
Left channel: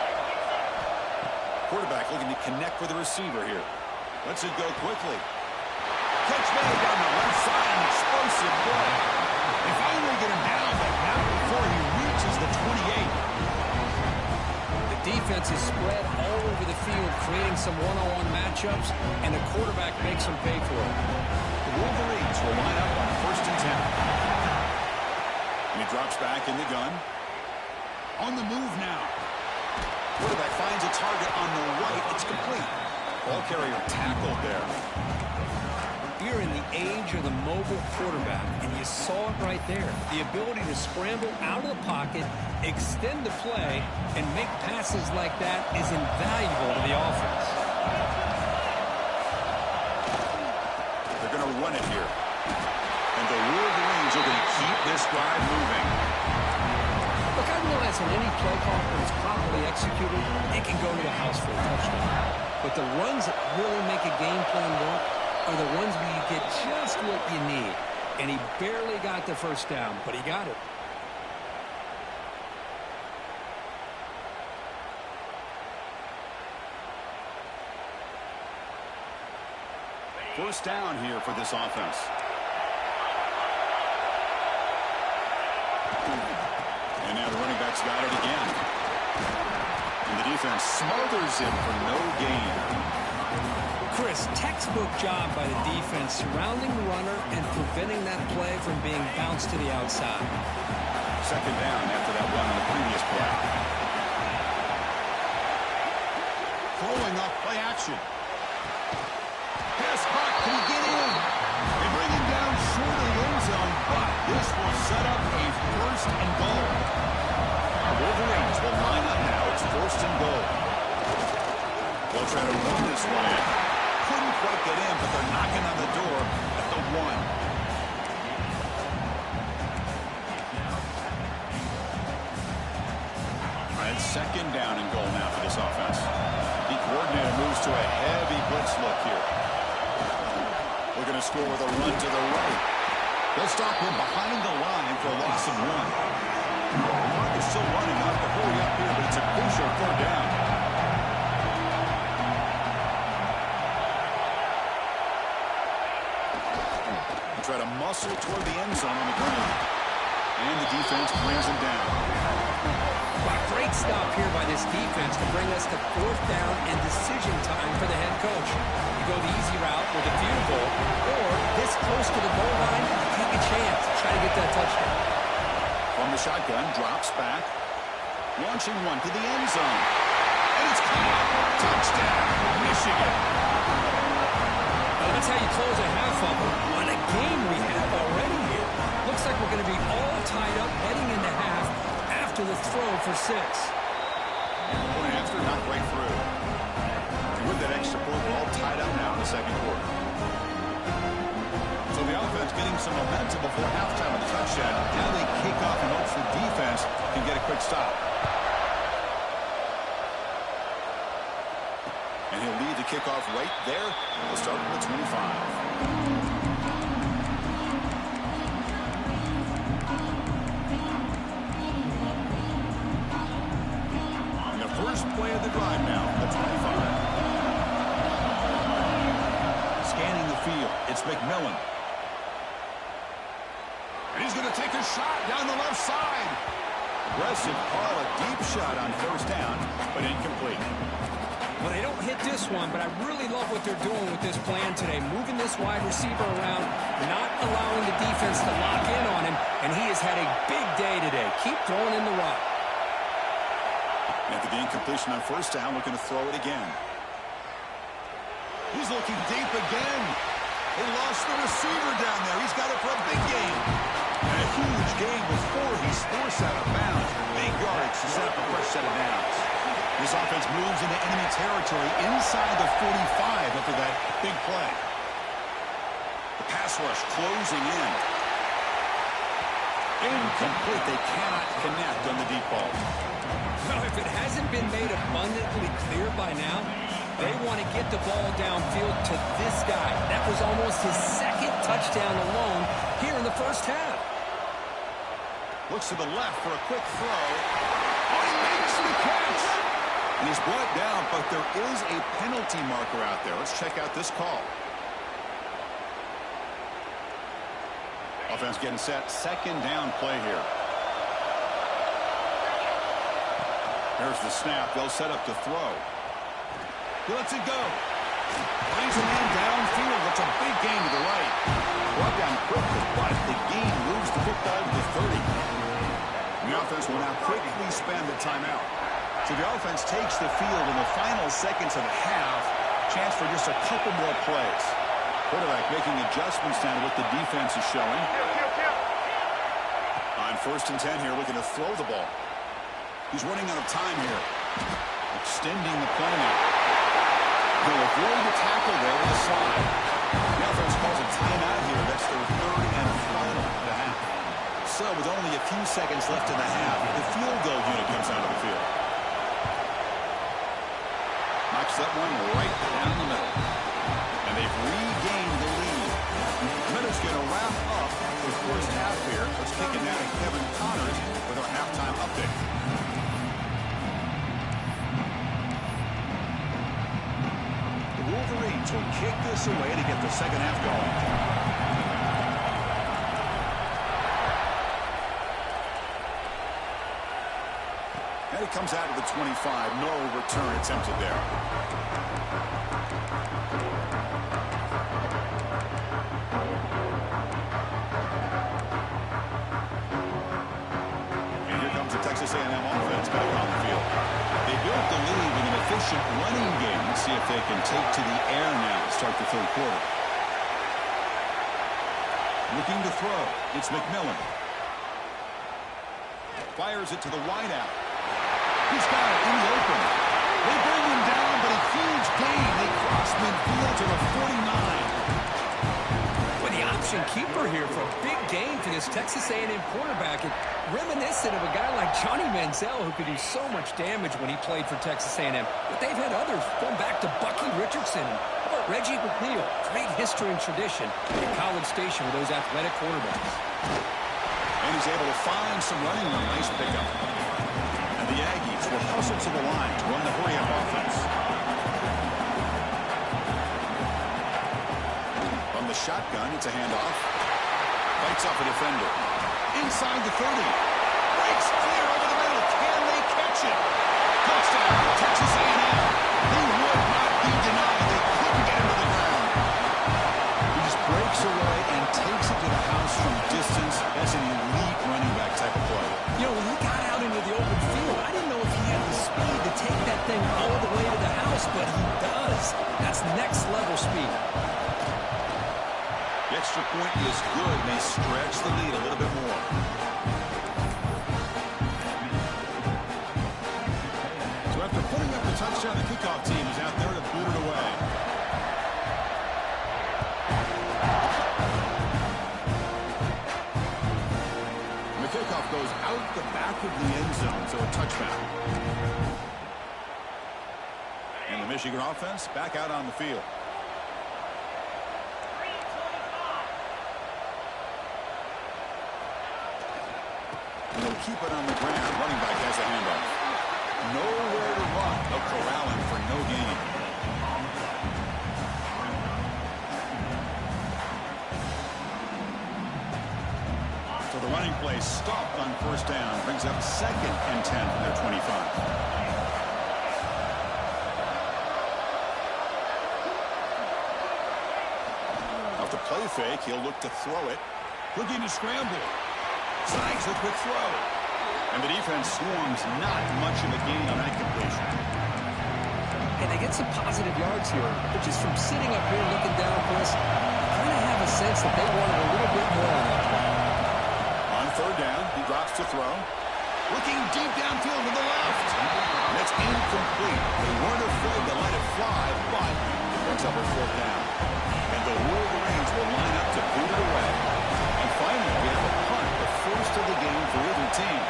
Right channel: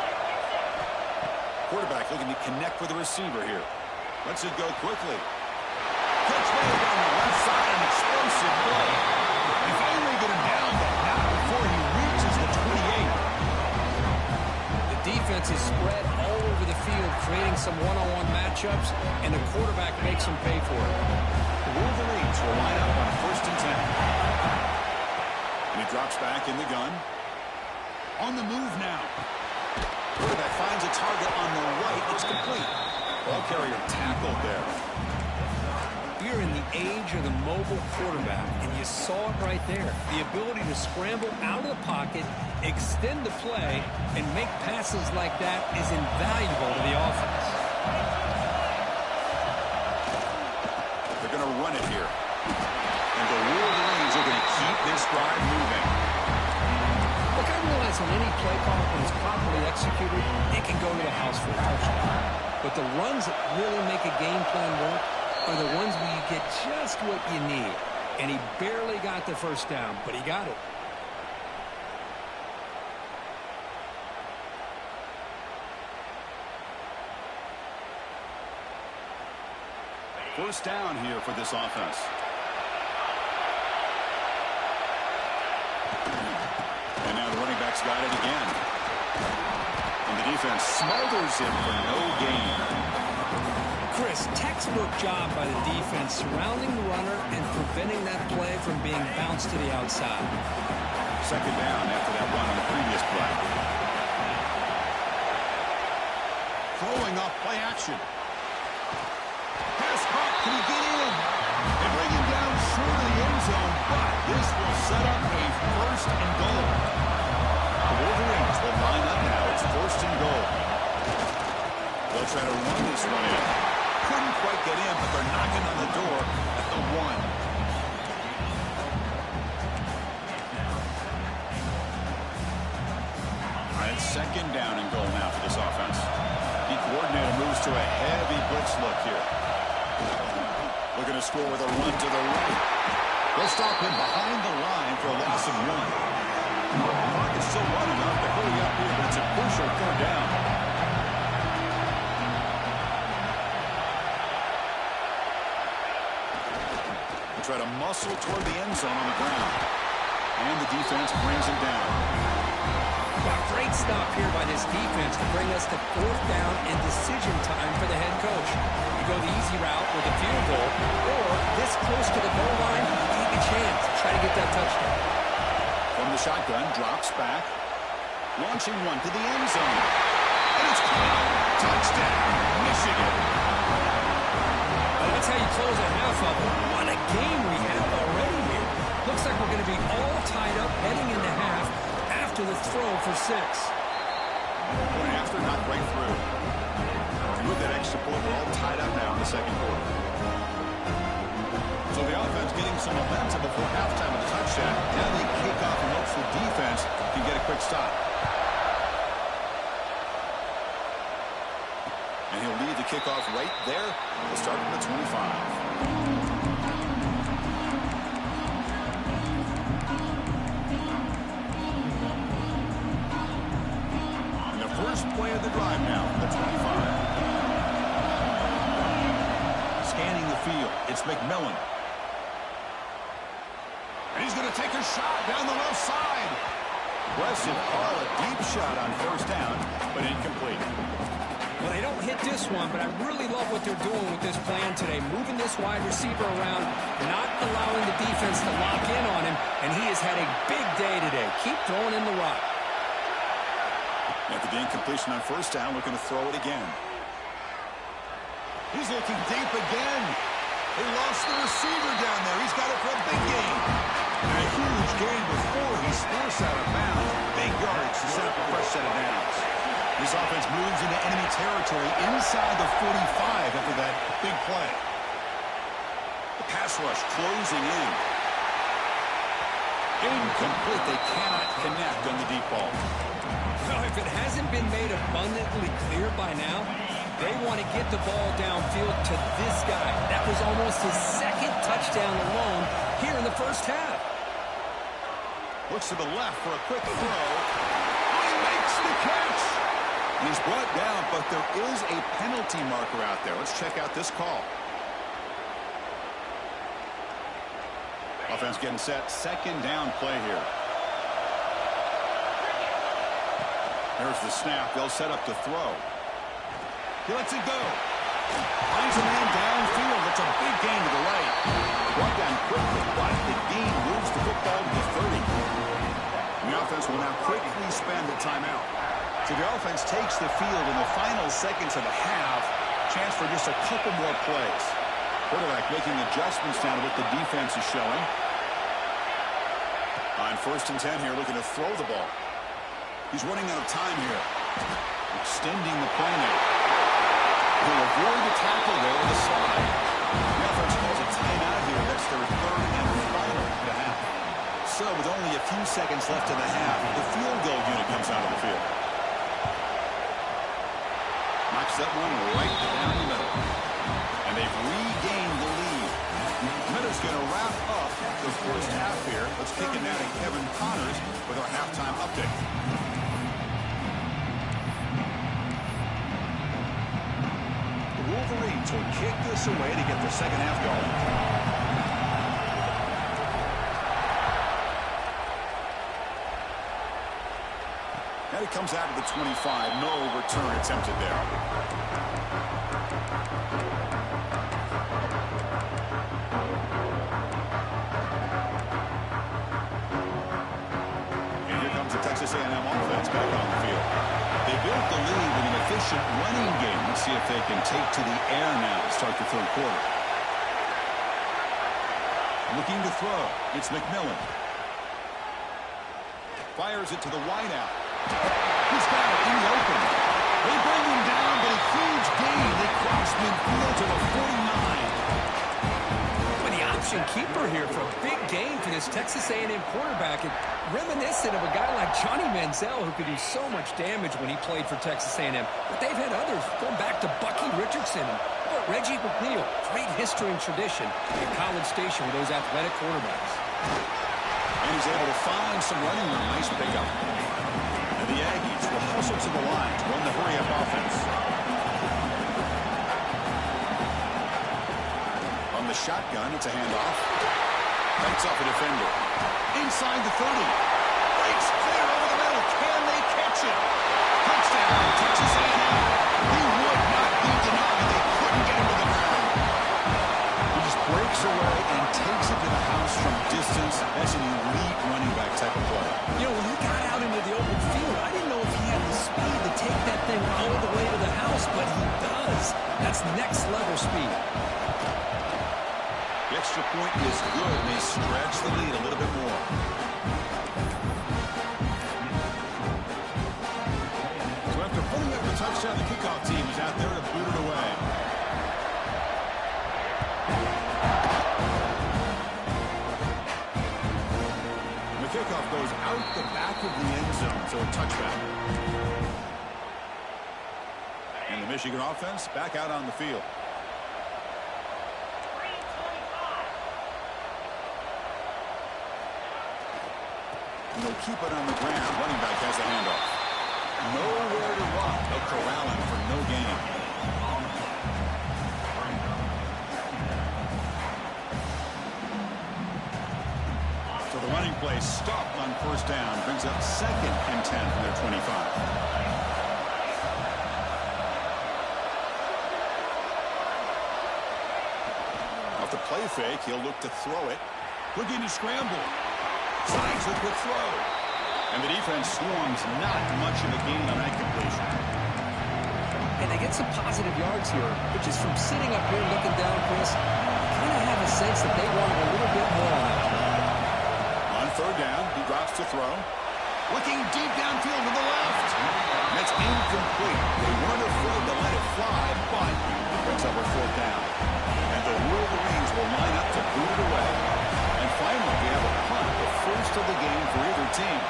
Quarterback looking to connect with the receiver here. Lets it go quickly. Catch made down the left side, an explosive play. They finally get him down, but not before he reaches the 28. The defense is spread all over the field, creating some one-on-one matchups, and the quarterback makes them pay for it. The Wolverines will line up on 1st and 10. And he drops back in the gun. On the move now. Quarterback finds a target on the right. It's complete. Ball carrier tackled there. We're in the age of the mobile quarterback, and you saw it right there. The ability to scramble out of the pocket, extend the play, and make passes like that is invaluable to the offense. They're going to run it here. And the Wolverines are going to keep this drive moving. Look, I realize on any play call, when it's properly executed, it can go to the house for a touchdown. But the runs that really make a game plan work are the ones where you get just what you need. And he barely got the first down, but he got it. First down here for this offense. And now the running back's got it again. And the defense smothers him for no gain. Chris, textbook job by the defense surrounding the runner and preventing that play from being bounced to the outside. Second down after that run on the previous play. Throwing off play action. Pass caught. Can he get in? They bring him down short of the end zone, but this will set up a 1st and goal. The Wolverines will line up now. It's 1st and goal. They'll try to run this one in. Couldn't quite get in, but they're knocking on the door at the 1. All right, 2nd down and goal now for this offense. The coordinator moves to a heavy blitz look here. Looking to score with a run to the right. They'll stop him behind the line for a loss of 1. The clock is still running up to hurry up here, but it's a crucial 3rd down. Try to muscle toward the end zone on the ground. And the defense brings him down. Wow, great stop here by this defense to bring us to 4th down and decision time for the head coach. You go the easy route with a field goal, or this close to the goal line, you take a chance. Try to get that touchdown. From the shotgun, drops back. Launching one to the end zone. And it's caught. Touchdown, Michigan. Well, that's how you close a half of it. What a game we have already here. Looks like we're going to be all tied up heading into half after the throw for 6. Point after, not right through. And with that extra point, we're all tied up now in the 2nd quarter. So the offense getting some momentum before halftime with the touchdown. Now they kick off in hopes the defense can get a quick stop. And he'll lead the kickoff right there. We'll start from the 25. First play of the drive now, the 25. Scanning the field, it's McMillan. And he's going to take a shot down the left side. Aggressive call, a deep shot on 1st down, but incomplete. Well, they don't hit this one, but I really love what they're doing with this plan today. Moving this wide receiver around, not allowing the defense to lock in on him, and he has had a big day today. Keep throwing in the rock. After the incompletion on 1st down, looking to throw it again. He's looking deep again. They lost the receiver down there. He's got it for a big gain. And a huge gain before he's forced out of bounds. Big yardage to set up a fresh set of downs. This offense moves into enemy territory inside the 45 after that big play. The pass rush closing in. Incomplete. They cannot connect on the deep ball. Well, if it hasn't been made abundantly clear by now, they want to get the ball downfield to this guy. That was almost his second touchdown alone here in the first half. Looks to the left for a quick throw. Oh, he makes the catch. And he's brought down, but there is a penalty marker out there. Let's check out this call. Offense getting set. Second down play here. There's the snap. They'll set up to throw. He lets it go. Finds a man downfield. That's a big gain to the right. Brought down quickly, but the gain moves the football to the 30. The offense will now quickly spend the timeout. So the offense takes the field in the final seconds of the half. Chance for just a couple more plays. Quarterback making adjustments down to what the defense is showing. On 1st and 10 here, looking to throw the ball. He's running out of time here. Extending the play now. He'll avoid the tackle there with a slide. The offense calls a timeout here. That's their 3rd and final of the half. So with only a few seconds left in the half, the field goal unit comes out of the field. Knocks that one right down the middle. And they've regained the lead. Minutes going to wrap up the first half here. Let's kick it now to Kevin Connors with our halftime update. The Wolverines will kick this away to get the second half going. And it comes out of the 25. No return attempted there. Texas A&M offense back on the field. They built the lead with an efficient running game. Let's see if they can take to the air now to start the third quarter. Looking to throw. It's McMillan. Fires it to the wideout. He's got it in the open. They bring him down, but a huge gain. They cross midfield to the 49. Well, the option keeper here for a big gain for this Texas A&M quarterback. It reminiscent of a guy like Johnny Manziel, who could do so much damage when he played for Texas A&M. But they've had others, going back to Bucky Richardson or Reggie McNeil. Great history and tradition at College Station with those athletic quarterbacks. And he's able to find some running room. Nice pickup. And the Aggies will hustle to the line to run the hurry-up offense. From the shotgun, it's a handoff. Fights off a defender. Inside the 30. Breaks clear over the middle. Can they catch him? Touchdown, Texas A&M. He would not be denied. They couldn't get him to the ground. He just breaks away and takes it to the house from distance. That's an elite running back type of play. You know, when he got out into the open field, I didn't know if he had the speed to take that thing all the way to the house, but he does. That's next level speed. The extra point is good, and they stretch the lead a little bit more. So after putting up the touchdown, the kickoff team is out there to boot it away. And the kickoff goes out the back of the end zone, so a touchback. And the Michigan offense back out on the field. And they'll keep it on the ground. Running back has a handoff. Nowhere to run. They'll corral him for no gain. So the running play stopped on first down. Brings up 2nd and 10 from their 25. Off the play fake, he'll look to throw it. Looking to scramble. Snags the quick throw. And the defense swarms not much of a gain on that completion. and they get some positive yards here. But just from sitting up here looking down, Chris, you kind of have a sense that they wanted a little bit more on that play. On third down, he drops to throw. Looking deep downfield to the left. And it's incomplete. They weren't afraid to let it fly, but it brings up a fourth down. And the Wolverines will line up to boot it away. And finally, we have a punt, the first of the game for either team.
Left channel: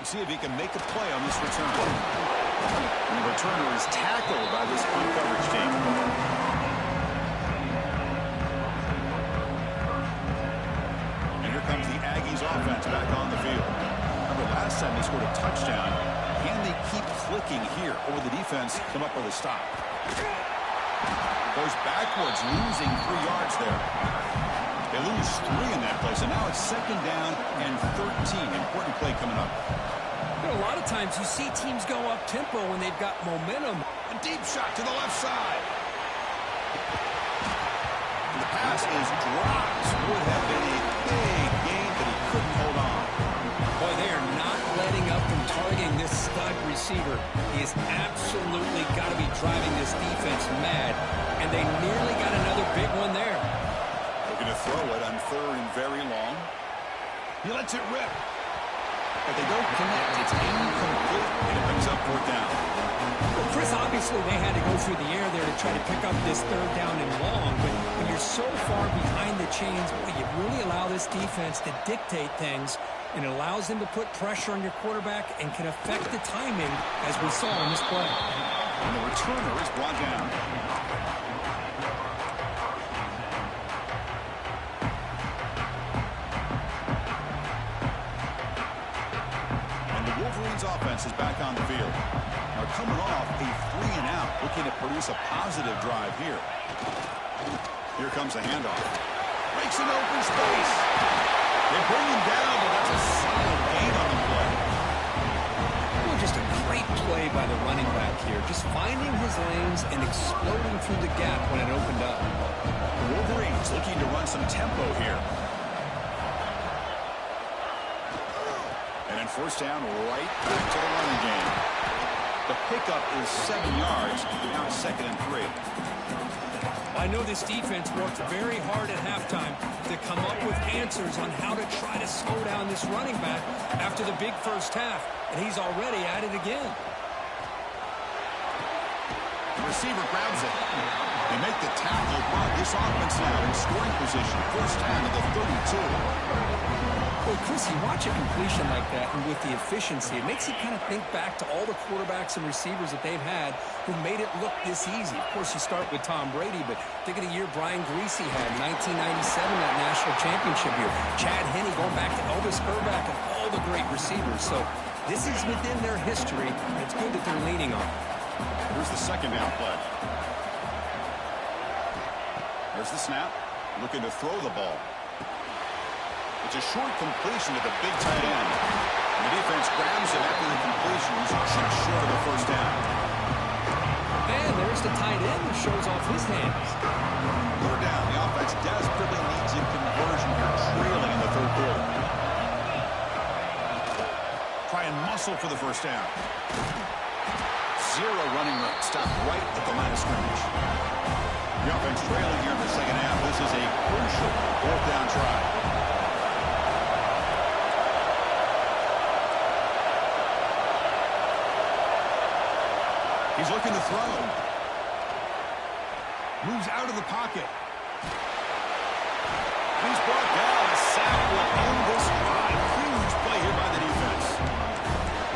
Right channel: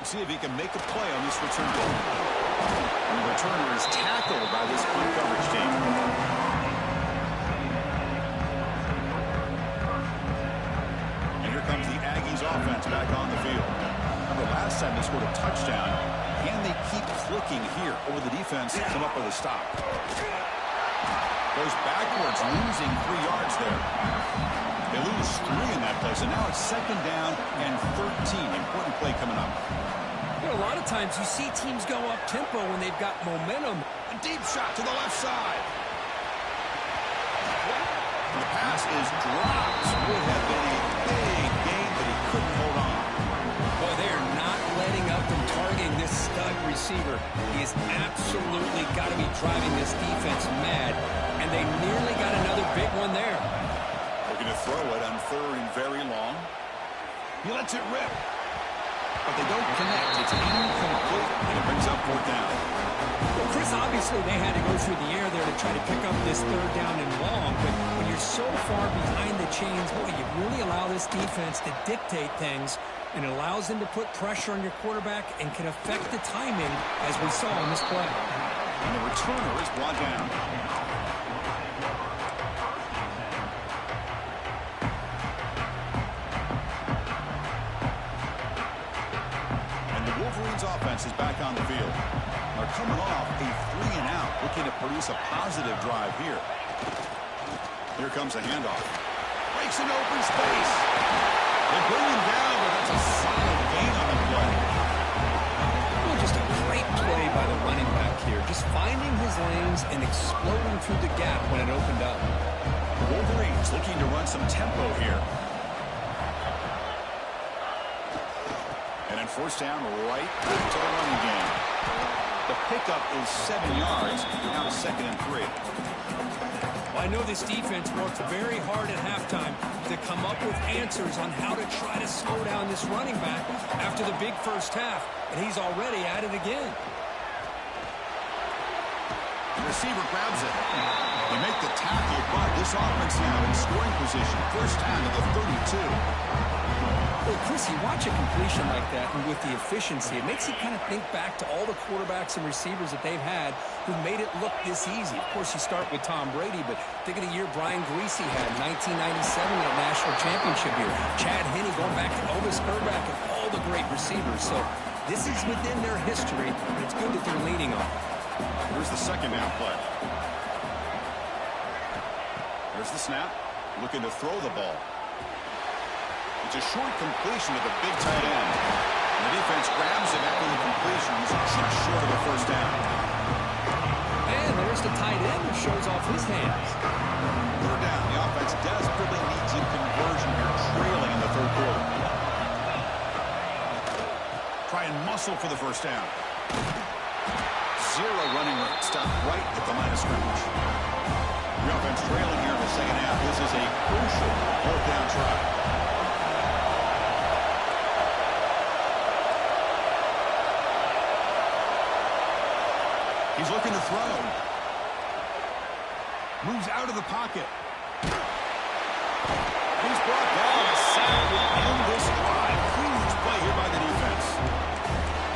We'll see if he can make a play on this return. And the returner is tackled by this punt coverage team. Comes the Aggies offense back on the field. Remember last time they scored a touchdown. Can they keep clicking here, or will the defense come up with a stop? Goes backwards, losing 3 yards there. They lose 3 in that play, so now it's second down and 13. Important play coming up. You know, a lot of times you see teams go up tempo when they've got momentum. A deep shot to the left side. And the pass is dropped. Would have been a big gain, but he couldn't hold on. Boy, they are not letting up from targeting this stud receiver. He has absolutely got to be driving this defense mad, and they nearly got another big one there. Looking to throw it on third and very long. He lets it rip, but they don't connect. It's incomplete, and it brings up fourth down. Well, Chris, obviously they had to go through the air there to try to pick up this third down and long, but when you're so far behind the chains, boy, you really allow this defense to dictate things, and it allows them to put pressure on your quarterback and can affect the timing, as we saw in this play. And the returner is brought down. And the Wolverines offense is back on the field. Are coming off a 3-and-out, looking to produce a positive drive here. Here comes the handoff. Breaks an open space. They bring him down, but that's a solid gain on the play. Well, just a great play by the running back here. Just finding his lanes and exploding through the gap when it opened up. The Wolverines looking to run some tempo here. And then first down, right back to the running game. The pickup is 7 yards. Now it's 2nd and 3. Well, I know this defense worked very hard at halftime to come up with answers on how to try to slow down this running back after the big first half, and he's already at it again. The receiver grabs it. They make the tackle, but this offense now in scoring position. First down to the 32. Well, Chris, you watch a completion like that, and with the efficiency, it makes you kind of think back to all the quarterbacks and receivers that they've had who made it look this easy. Of course, you start with Tom Brady, but think of the year Brian Greasy had, 1997, that national championship year. Chad Henne going back to Elvis Grbac and all the great receivers. So this is within their history, and it's good that they're leaning on it. Here's the second down play. There's the snap. Looking to throw the ball. It's a short completion to the big tight end. And the defense grabs him after the completion. He's just short of the first down. And there's the tight end who shows off his hands. Third down. The offense desperately needs a conversion here, trailing in the third quarter. Try and muscle for the first down. Zero running room. Stopped right at the line of scrimmage. The offense trailing here in the second half. This is a crucial fourth down try. He's looking to throw. Moves out of the pocket. He's brought down. A sack will end this drive. Huge play here by the defense.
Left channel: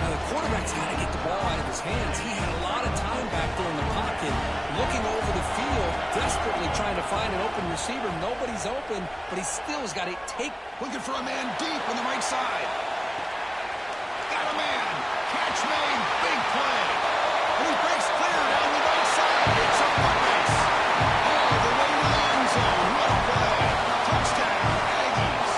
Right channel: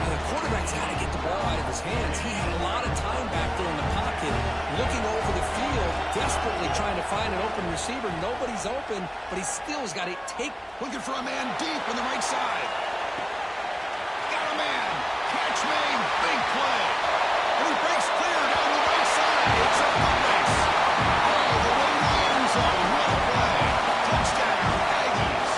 Now, the quarterback's got to get the ball out of his hands. He had a lot of time back there in the pocket, looking over the field, desperately trying to find an open receiver. Nobody's open, but he still has got to take. Looking for a man deep on the right side. Got a man. Catch made. Big play. And he breaks clear down the right side. It's a foot race. All the way to the end zone. What a play. Touchdown, Aggies.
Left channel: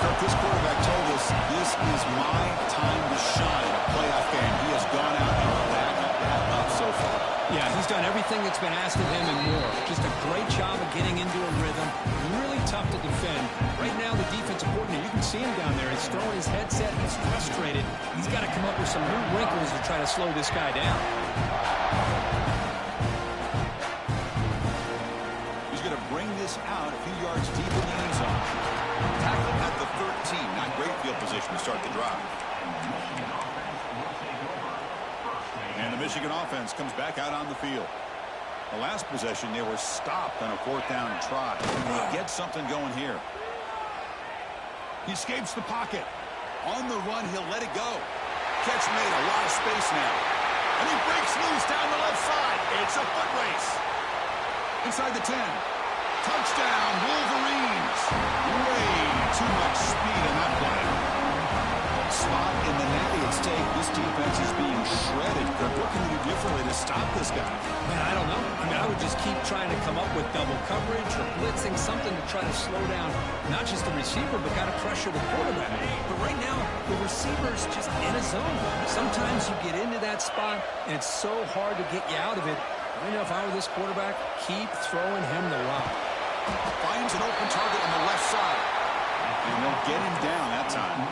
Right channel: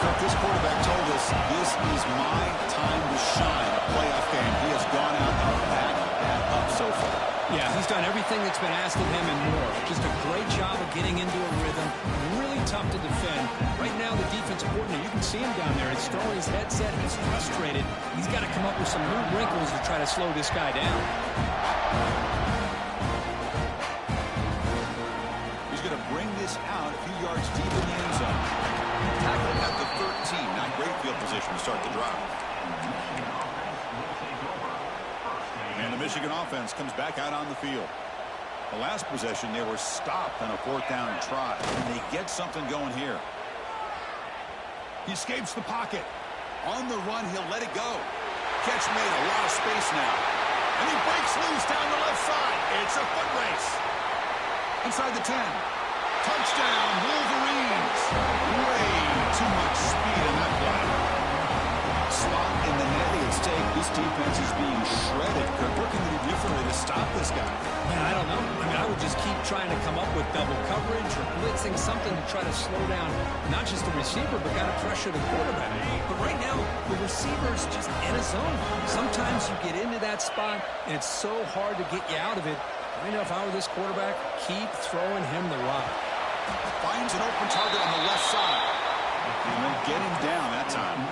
Kirk, this quarterback told us this is my time to shine. A playoff game. He has gone out and back that up so far. Yeah, he's done everything that's been asked of him and more. Just a great job of getting into a rhythm. Really tough to defend. Right now, the defensive coordinator, you can see him down there. He's throwing his headset. He's frustrated. He's got to come up with some new wrinkles to try to slow this guy down. He's going to bring this out a few yards deep in the end zone. Tackled at the 13. Not great field position to start the drive. And the Michigan offense comes back out on the field. The last possession, they were stopped on a 4th down try. And they get something going here. He escapes the pocket. On the run, he'll let it go. Catch made, a lot of space now. And he breaks loose down the left side. It's a foot race. Inside the 10. Touchdown, Wolverines. Way too much speed in that play. Spot in the natty at stake. This defense is being shredded. Kirk, what can we do differently to stop this guy? Man, I don't know. I mean, I would just keep trying to come up with double coverage or blitzing, something to try to slow down not just the receiver, but got to pressure the quarterback. But right now, the receiver's just in a zone. Sometimes you get into that spot, and it's so hard to get you out of it. I know if I were this quarterback, keep throwing him the rock. Finds an open target on the left side. And they'll get him down that time.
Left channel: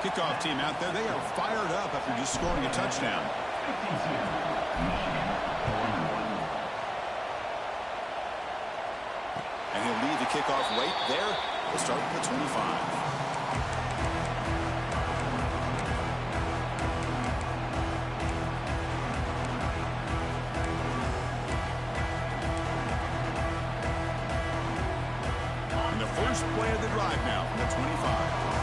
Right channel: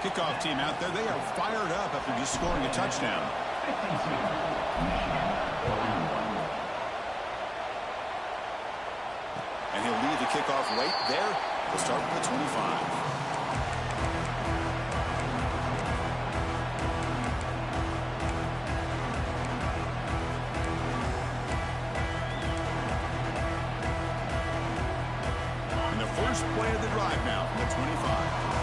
Kickoff team out there, they are fired up after just scoring a touchdown. And he'll leave the kickoff right there. We'll start with the 25. And the first play of the drive now from the 25.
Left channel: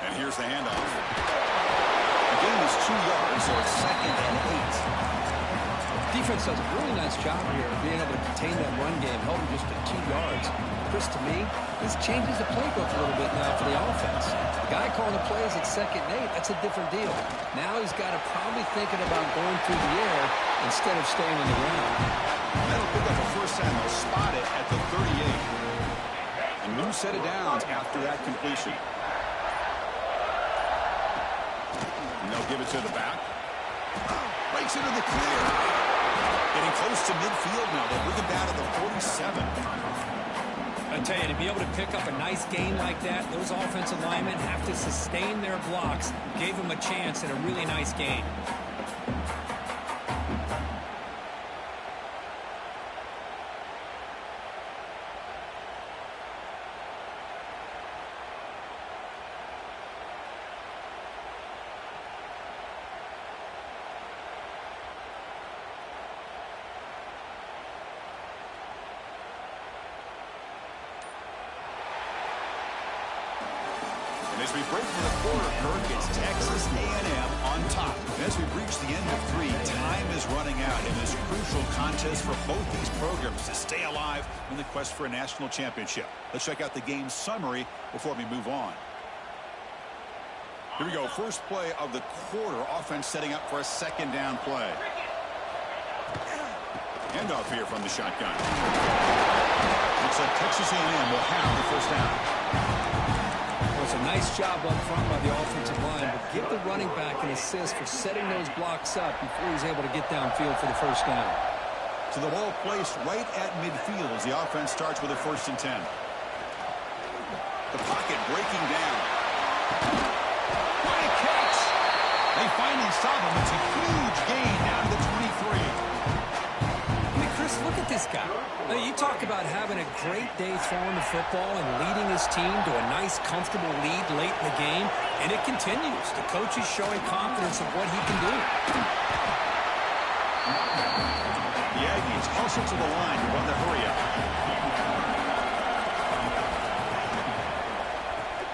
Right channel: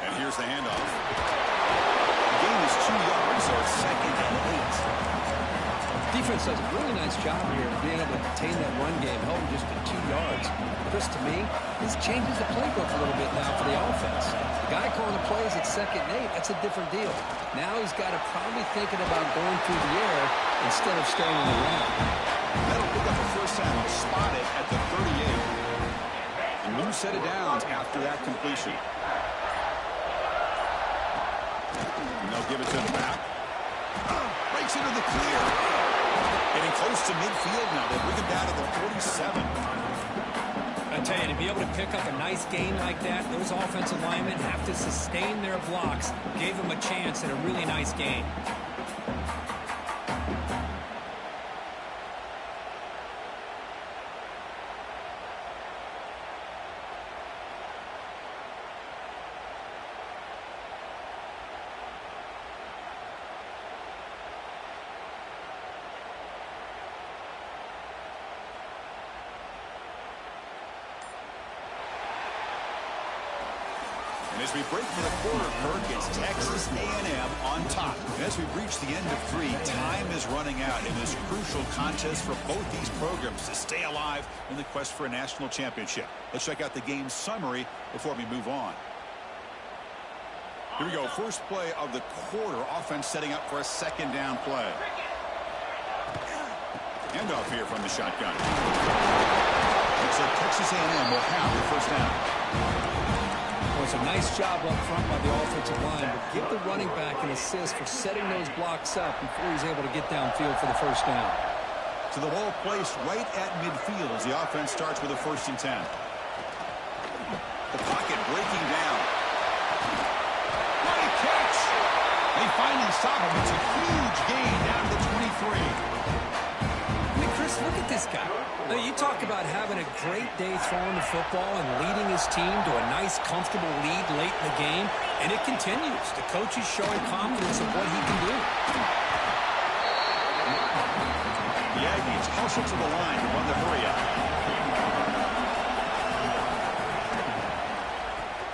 And here's the handoff. The gain is 2 yards, so it's 2nd and 8. Defense does a really nice job here of being able to contain that run game, held him just at 2 yards. Chris, to me, this changes the playbook a little bit now for the offense. The guy calling the plays at 2nd and 8, that's a different deal. Now he's got to probably thinking about going through the air instead of staying on the ground. That'll pick up a first down. They'll spot it at the 38. A new set of downs after that completion. And they'll give it to the back. Breaks into the clear. Getting close to midfield now. They bring him down to the 47. I tell you, to be able to pick up a nice gain like that, those offensive linemen have to sustain their blocks. Gave them a chance at a really nice gain. And as we break for the quarter, Kirk, it's Texas A&M on top. And as we reach the end of 3, time is running out in this crucial contest for both these programs to stay alive in the quest for a national championship. Let's check out the game summary before we move on. Here we go. First play of the quarter. Offense setting up for a 2nd down play. Handoff here from the shotgun. Looks like Texas A&M will have the first down. Well, it's a nice job up front by the offensive line, but give the running back an assist for setting those blocks up before he's able to get downfield for the first down. So the ball placed right at midfield as the offense starts with a 1st and 10. The pocket breaking down. What a catch! They finally stop him. It's a huge gain down to the 23. I mean, Chris, look at this guy. I mean, you talk about having a great day throwing the football and leading his team to a nice, comfortable lead late in the game, and it continues. The coach is showing confidence of what he can do. The Aggies hustle to the line to run the hurry up.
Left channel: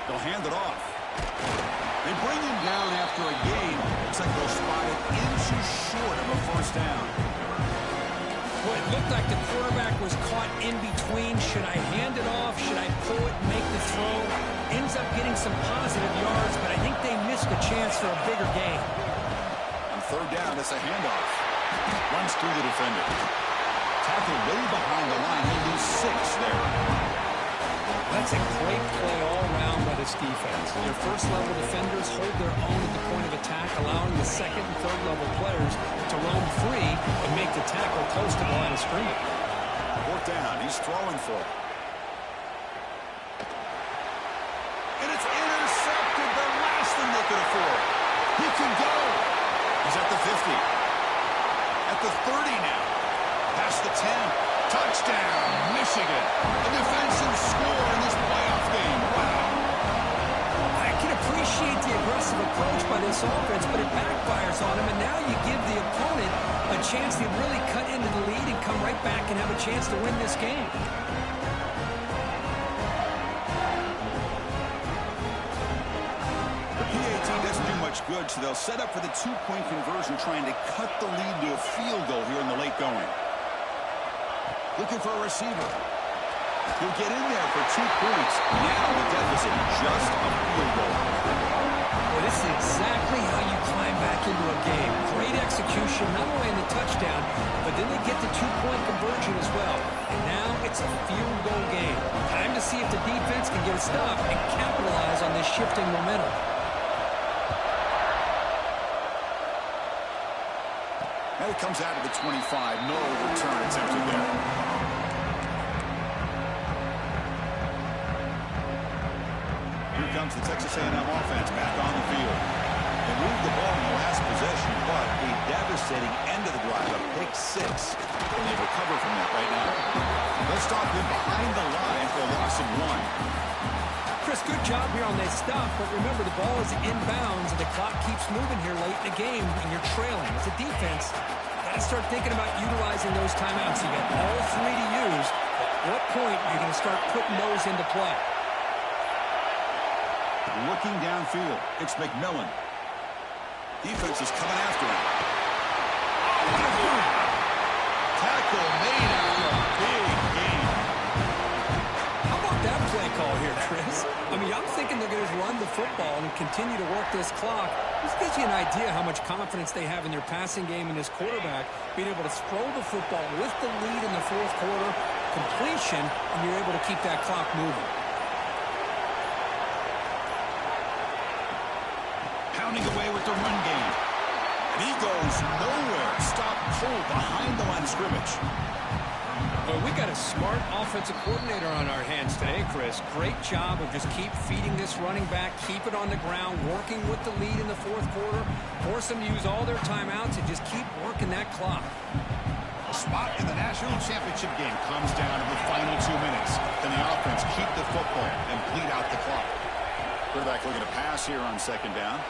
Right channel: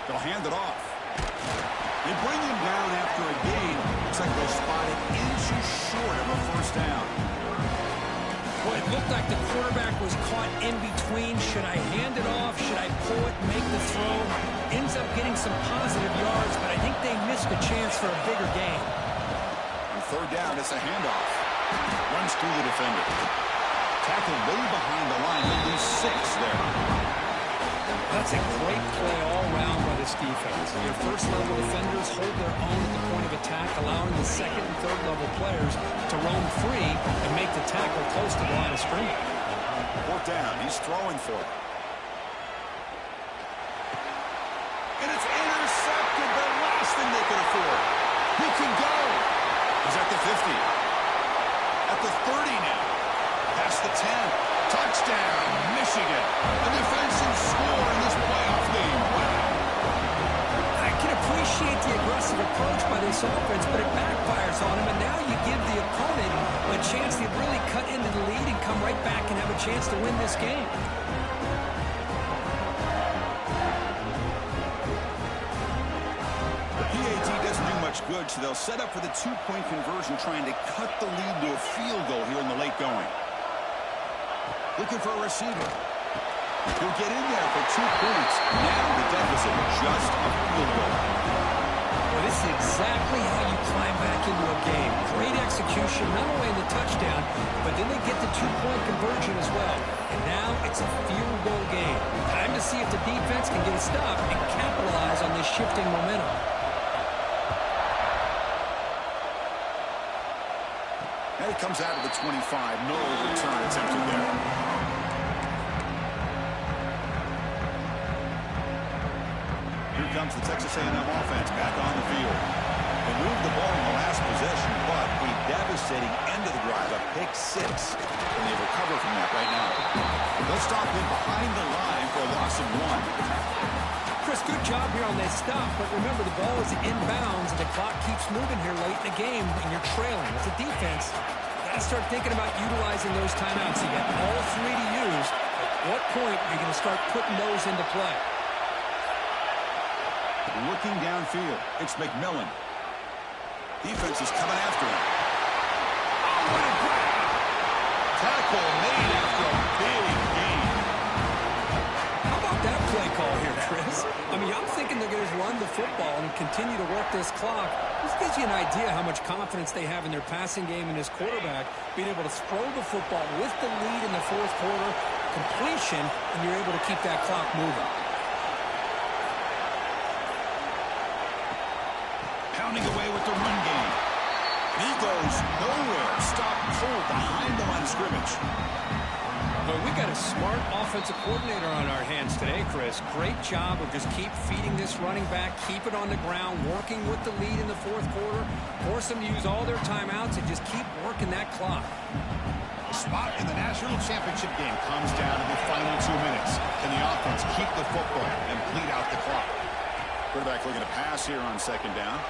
They'll hand it off. They bring him down after a gain. Looks like they'll spot it inches short of a first down. Well, it looked like the quarterback was caught in between. Should I hand it off? Should I pull it and make the throw? Ends up getting some positive yards, but I think they missed a chance for a bigger gain. On 3rd down, it's a handoff. Runs through the defender. Tackled way behind the line. He'll lose 6 there. That's a great play all around by this defense. Your first-level defenders hold their own at the point of attack, allowing the second and third-level players to roam free and make the tackle close to the line of scrimmage. Fourth down. He's throwing for it. And it's intercepted. The last thing they could afford. He can go. He's at the 50. At the 30 now. Past the 10. Touchdown, Michigan. A defensive score in this playoff game. Wow. I can appreciate the aggressive approach by this offense, but it backfires on him, and now you give the opponent a chance to really cut into the lead and come right back and have a chance to win this game. The PAT doesn't do much good, so they'll set up for the two-point conversion, trying to cut the lead to a field goal here in the late going. Looking for a receiver. He'll get in there for 2 points. Now the deficit, just a field goal. Well, this is exactly how you climb back into a game. Great execution, not only in the touchdown, but then they get the two-point conversion as well. And now it's a field goal game. Time to see if the defense can get a stop and capitalize on this shifting momentum. And he comes out of the 25. No return attempted there. Here comes the Texas A&M offense back on the field. They moved the ball in the last possession, but a devastating end of the drive, a pick 6. And they recover from that right now. They'll stop him behind the line for a loss of 1. Chris, good job here on that stop, but remember the ball is inbounds and the clock keeps moving here late in the game and you're trailing. As a defense, you got to start thinking about utilizing those timeouts. You got all 3 to use. At what point are you going to start putting those into play? Looking downfield, it's McMillan. Defense is coming after him. Oh, what a grab! Tackle made after a big gain. How about that play call here, Chris? I mean, I'm thinking they're going to run the football and continue to work this clock. This gives you an idea how much confidence they have in their passing game and his quarterback, being able to throw the football with the lead in the fourth quarter, completion, and you're able to keep that clock moving. Pounding away with the run game. And he goes nowhere. Stopped cold behind the line of scrimmage. Well, we got a smart offensive coordinator on our hands today, Chris. Great job of just keep feeding this running back, keep it on the ground, working with the lead in the fourth quarter, force them to use all their timeouts, and just keep working that clock. A spot in the national championship game comes down to the final 2 minutes. Can the offense keep the football and bleed out the clock? Quarterback looking to pass here on second down.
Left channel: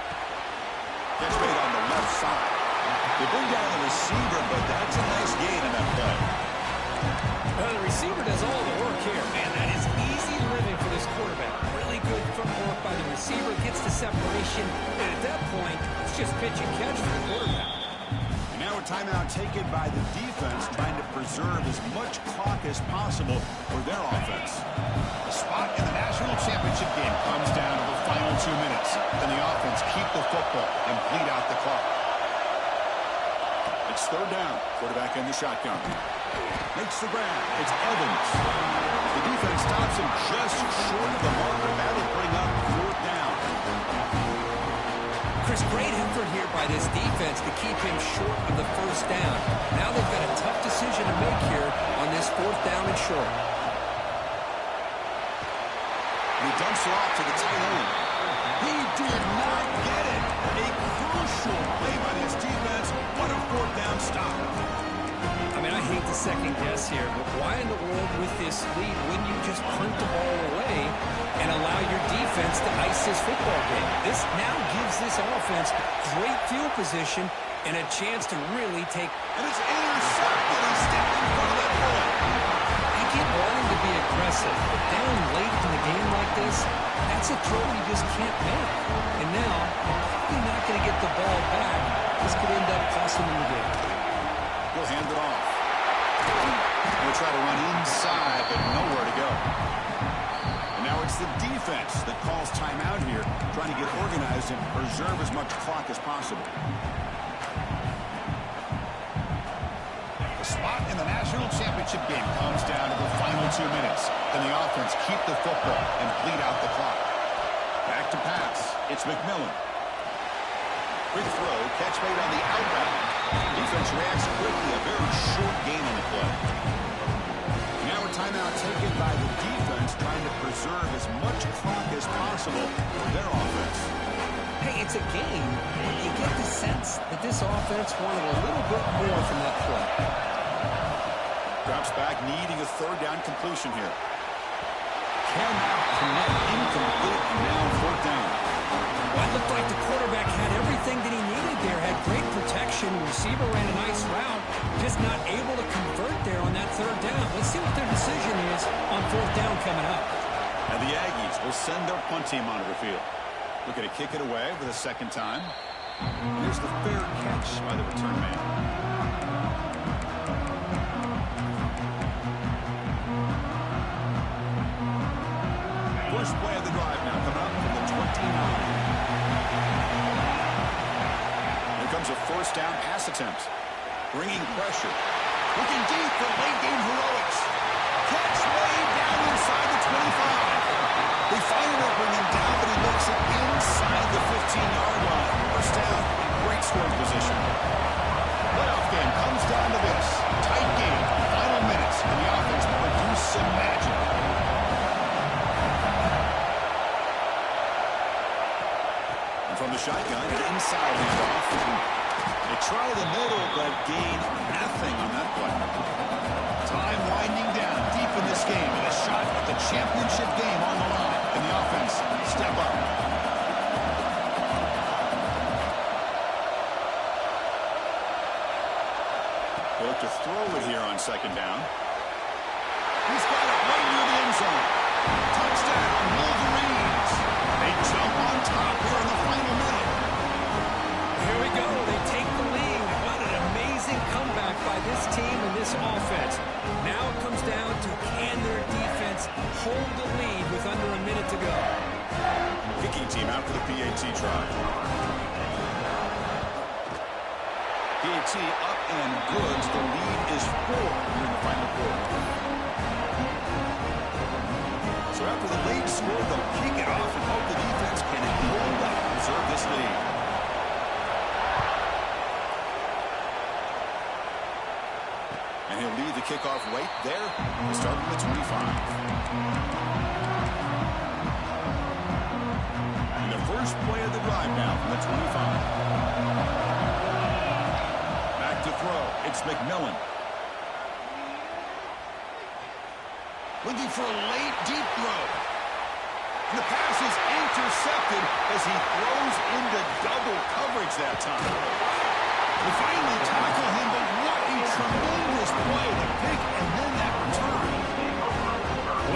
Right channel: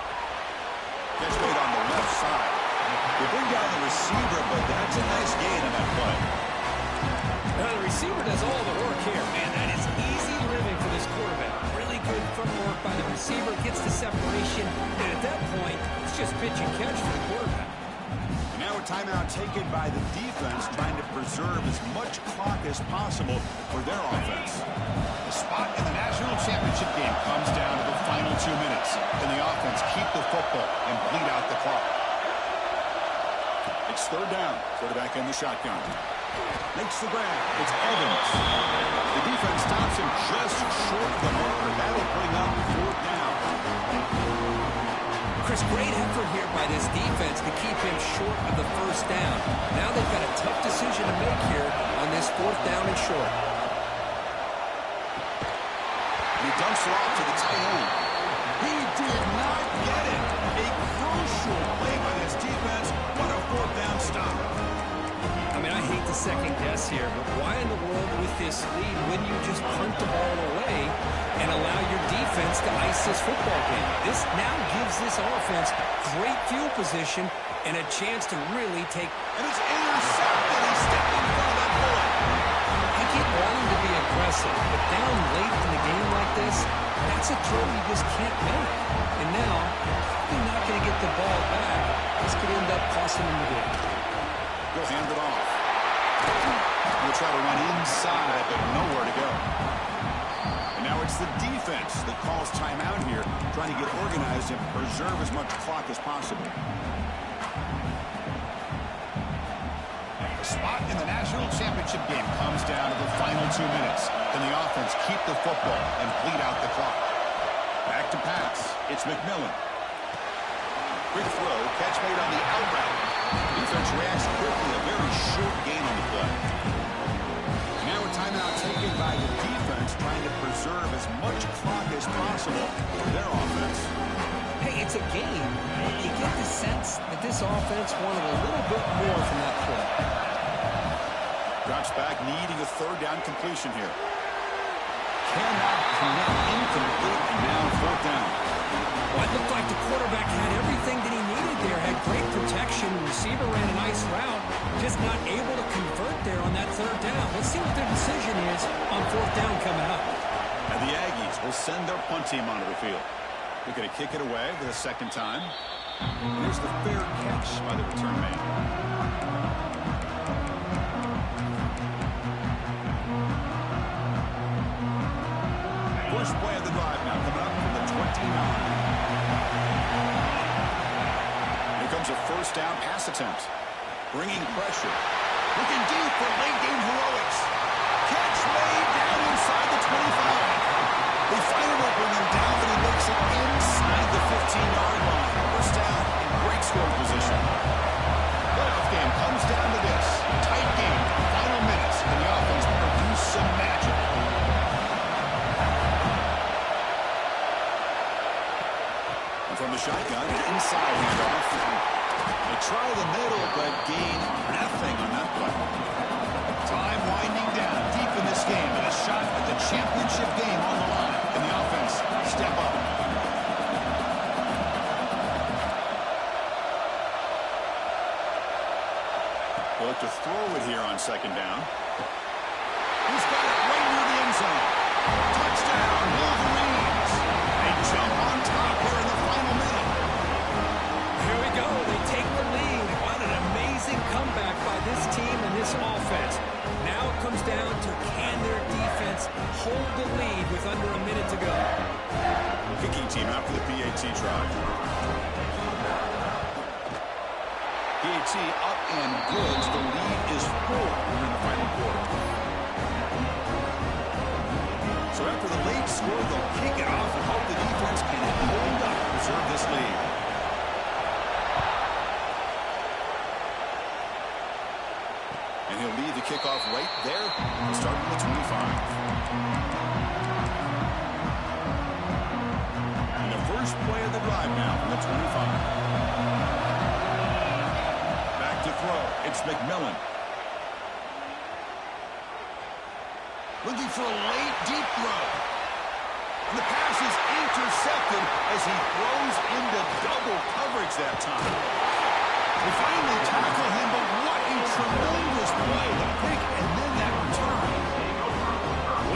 Catch made on the left side. They bring down the receiver, but that's a nice gain in that play. The receiver does all the work here. Man, that is easy living for this quarterback. Really good footwork by the receiver. Gets the separation. And at that point, it's just pitch and catch for the quarterback. And now a timeout taken by the defense, trying to preserve as much clock as possible for their offense. The spot in the national championship game comes down to the final 2 minutes. Can the offense keep the football and bleed out the clock? It's third down. Quarterback in the shotgun. Makes the grab. It's Evans. The defense stops him just short of the marker. That'll bring up fourth down. Chris, great effort here by this defense to keep him short of the first down. Now they've got a tough decision to make here on this fourth down and short. He dumps it off to the tight end. He did not get it. A crucial play by this defense. What a fourth down stop. I mean, I hate to second guess here, but why in the world with this lead wouldn't you just punt the ball away and allow your defense to ice this football game? This now gives this offense great field position and a chance to really take... And it's intercepted. He stepped in front of that bullet. I get wanting to be aggressive, but down late in the game like this, that's a throw you just can't make. And now, you're probably not going to get the ball back. This could end up costing him the game. He'll hand it off. He'll try to run inside, but nowhere to go. And now it's the defense that calls timeout here, trying to get organized and preserve as much clock as possible. A spot in the national championship game comes down to the final 2 minutes. Can the offense keep the football and bleed out the clock? Back to pass. It's McMillan. Quick throw, catch made on the out route. Defense reacts quickly, a very short gain on the play. Now a timeout taken by the defense, trying to preserve as much clock as possible for their offense. Hey, it's a game, but you get the sense that this offense wanted a little bit more from that play. Drops back, needing a third down completion here. Cannot connect, incomplete, and now fourth down. Well, it looked like the quarterback had everything that he needed there. Had great protection. Receiver ran a nice route. Just not able to convert there on that third down. Let's see what their decision is on fourth down coming up. And the Aggies will send their punt team onto the field. Looking to kick it away for the second time. And here's the fair catch by the return man. First play of the drive now coming up from the 29. Here comes a first down pass attempt. Bringing pressure. Looking deep for late game heroics. Catch made down inside the 25. They finally bring him down, but he makes it inside the 15-yard line. First down in great scoring position. Playoff game comes down to this. Tight game, final minutes, and the offense produce some magic. And from the shotgun, an inside handoff. They try the middle, but gain nothing on that play. Time winding down deep in this game, and a shot at the championship game on the line. And the offense step up. They'll look to throw it here on second down. He's got it right near the end zone. Touchdown, Wolverines. They jump on top here in the final minute. Here we go. They take the lead. What an amazing comeback by this team and this offense. Now it comes down to can their defense hold the lead with under a minute to go. Kicking team out for the PAT try. PAT up and good. The lead is 4 here in the final quarter. So after the late score, they'll kick it off and hope the defense can hold up, preserve this lead. And he'll lead the kickoff right there. He'll start from the 25. And the first play of the drive now from the 25. Back to throw. It's McMillan. Looking for a late, deep throw. And the pass is intercepted as he throws into double coverage that time. They finally tackle him, but what a tremendous play. The pick and then that return.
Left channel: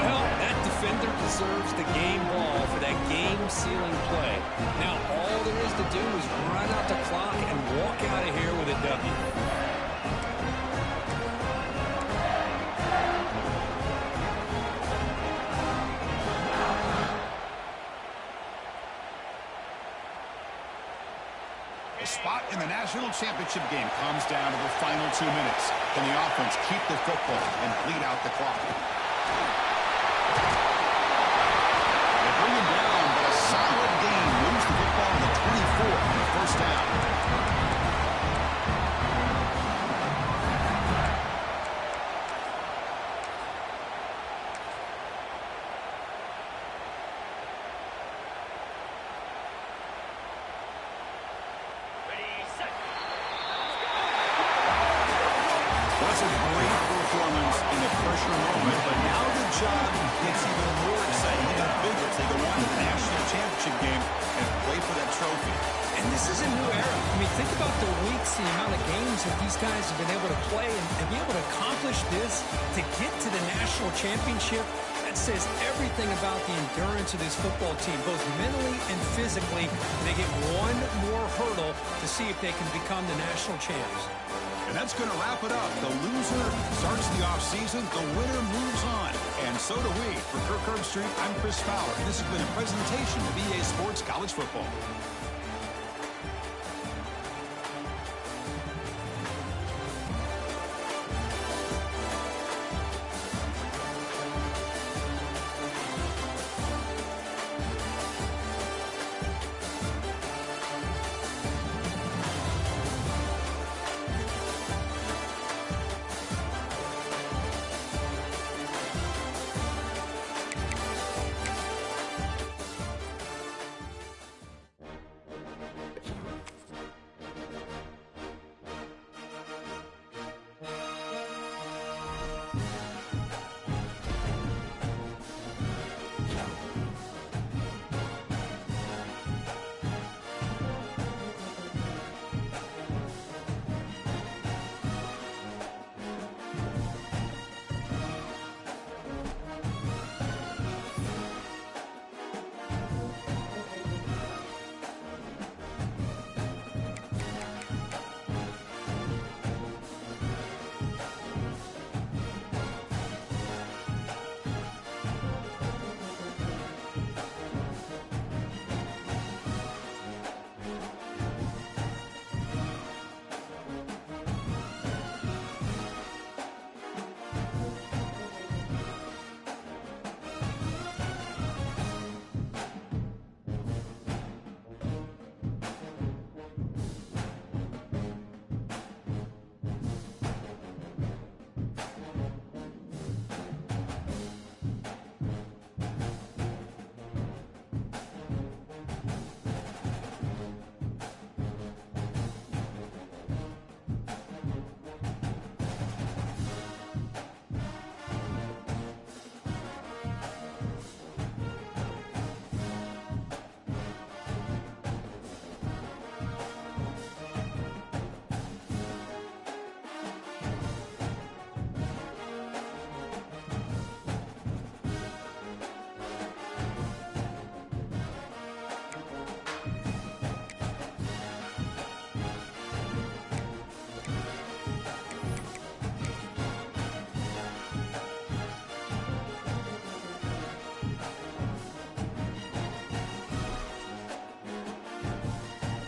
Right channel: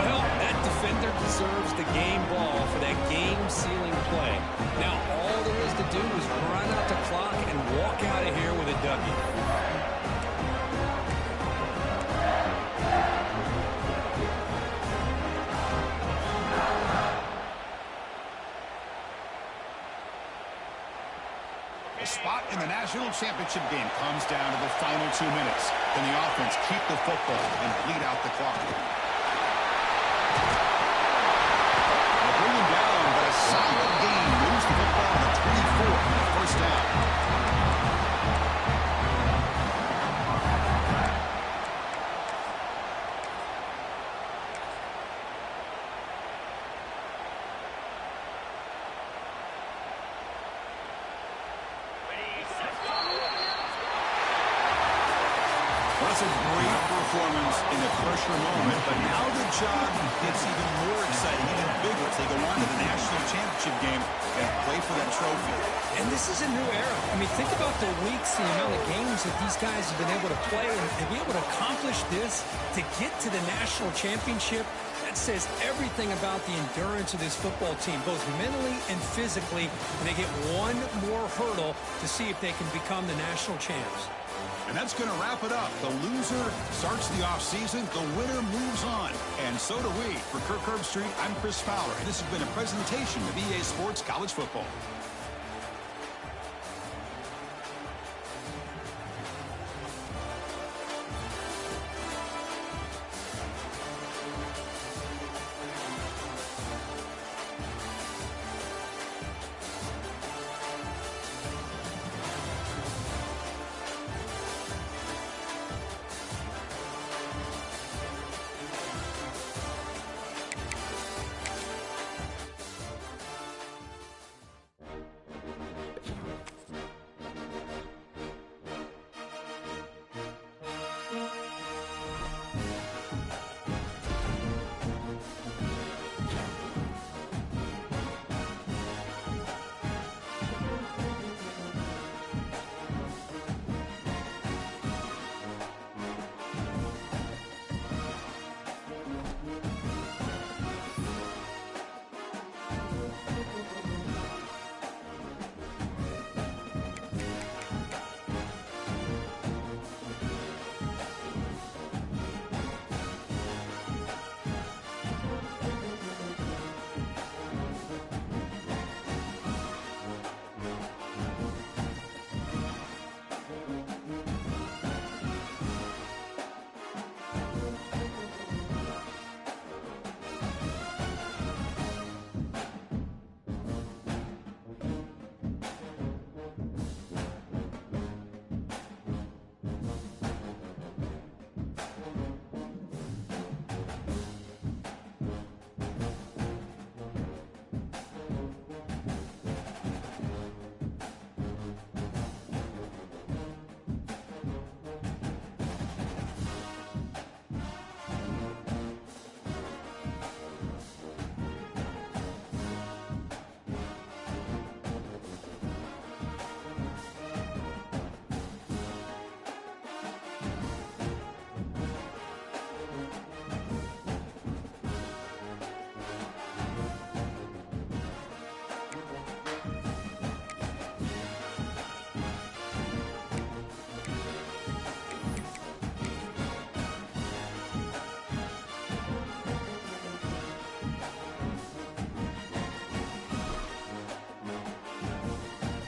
Well, that defender deserves the game ball for that game-sealing play. Now, all there is to do is run out the clock and walk out of here with a W. The spot in the national championship game comes down to the final 2 minutes. Can the offense keep the football and bleed out the clock? They bring him down, but a solid gain moves the football to the 24 and a first down. Well, that's a great performance in a pressure moment, but now the job gets even more exciting, even bigger as they go on to the national championship game and play for that trophy. And this is a new era. I mean, think about the weeks, the amount of games that these guys have been able to play and be able to accomplish this to get to the national championship. That says everything about the endurance of this football team, both mentally and physically. And they get one more hurdle to see if they can become the national champs. And that's going to wrap it up. The loser starts the offseason. The winner moves on. And so do we. For Kirk Herbstreit, I'm Chris Fowler. And this has been a presentation of EA Sports College Football.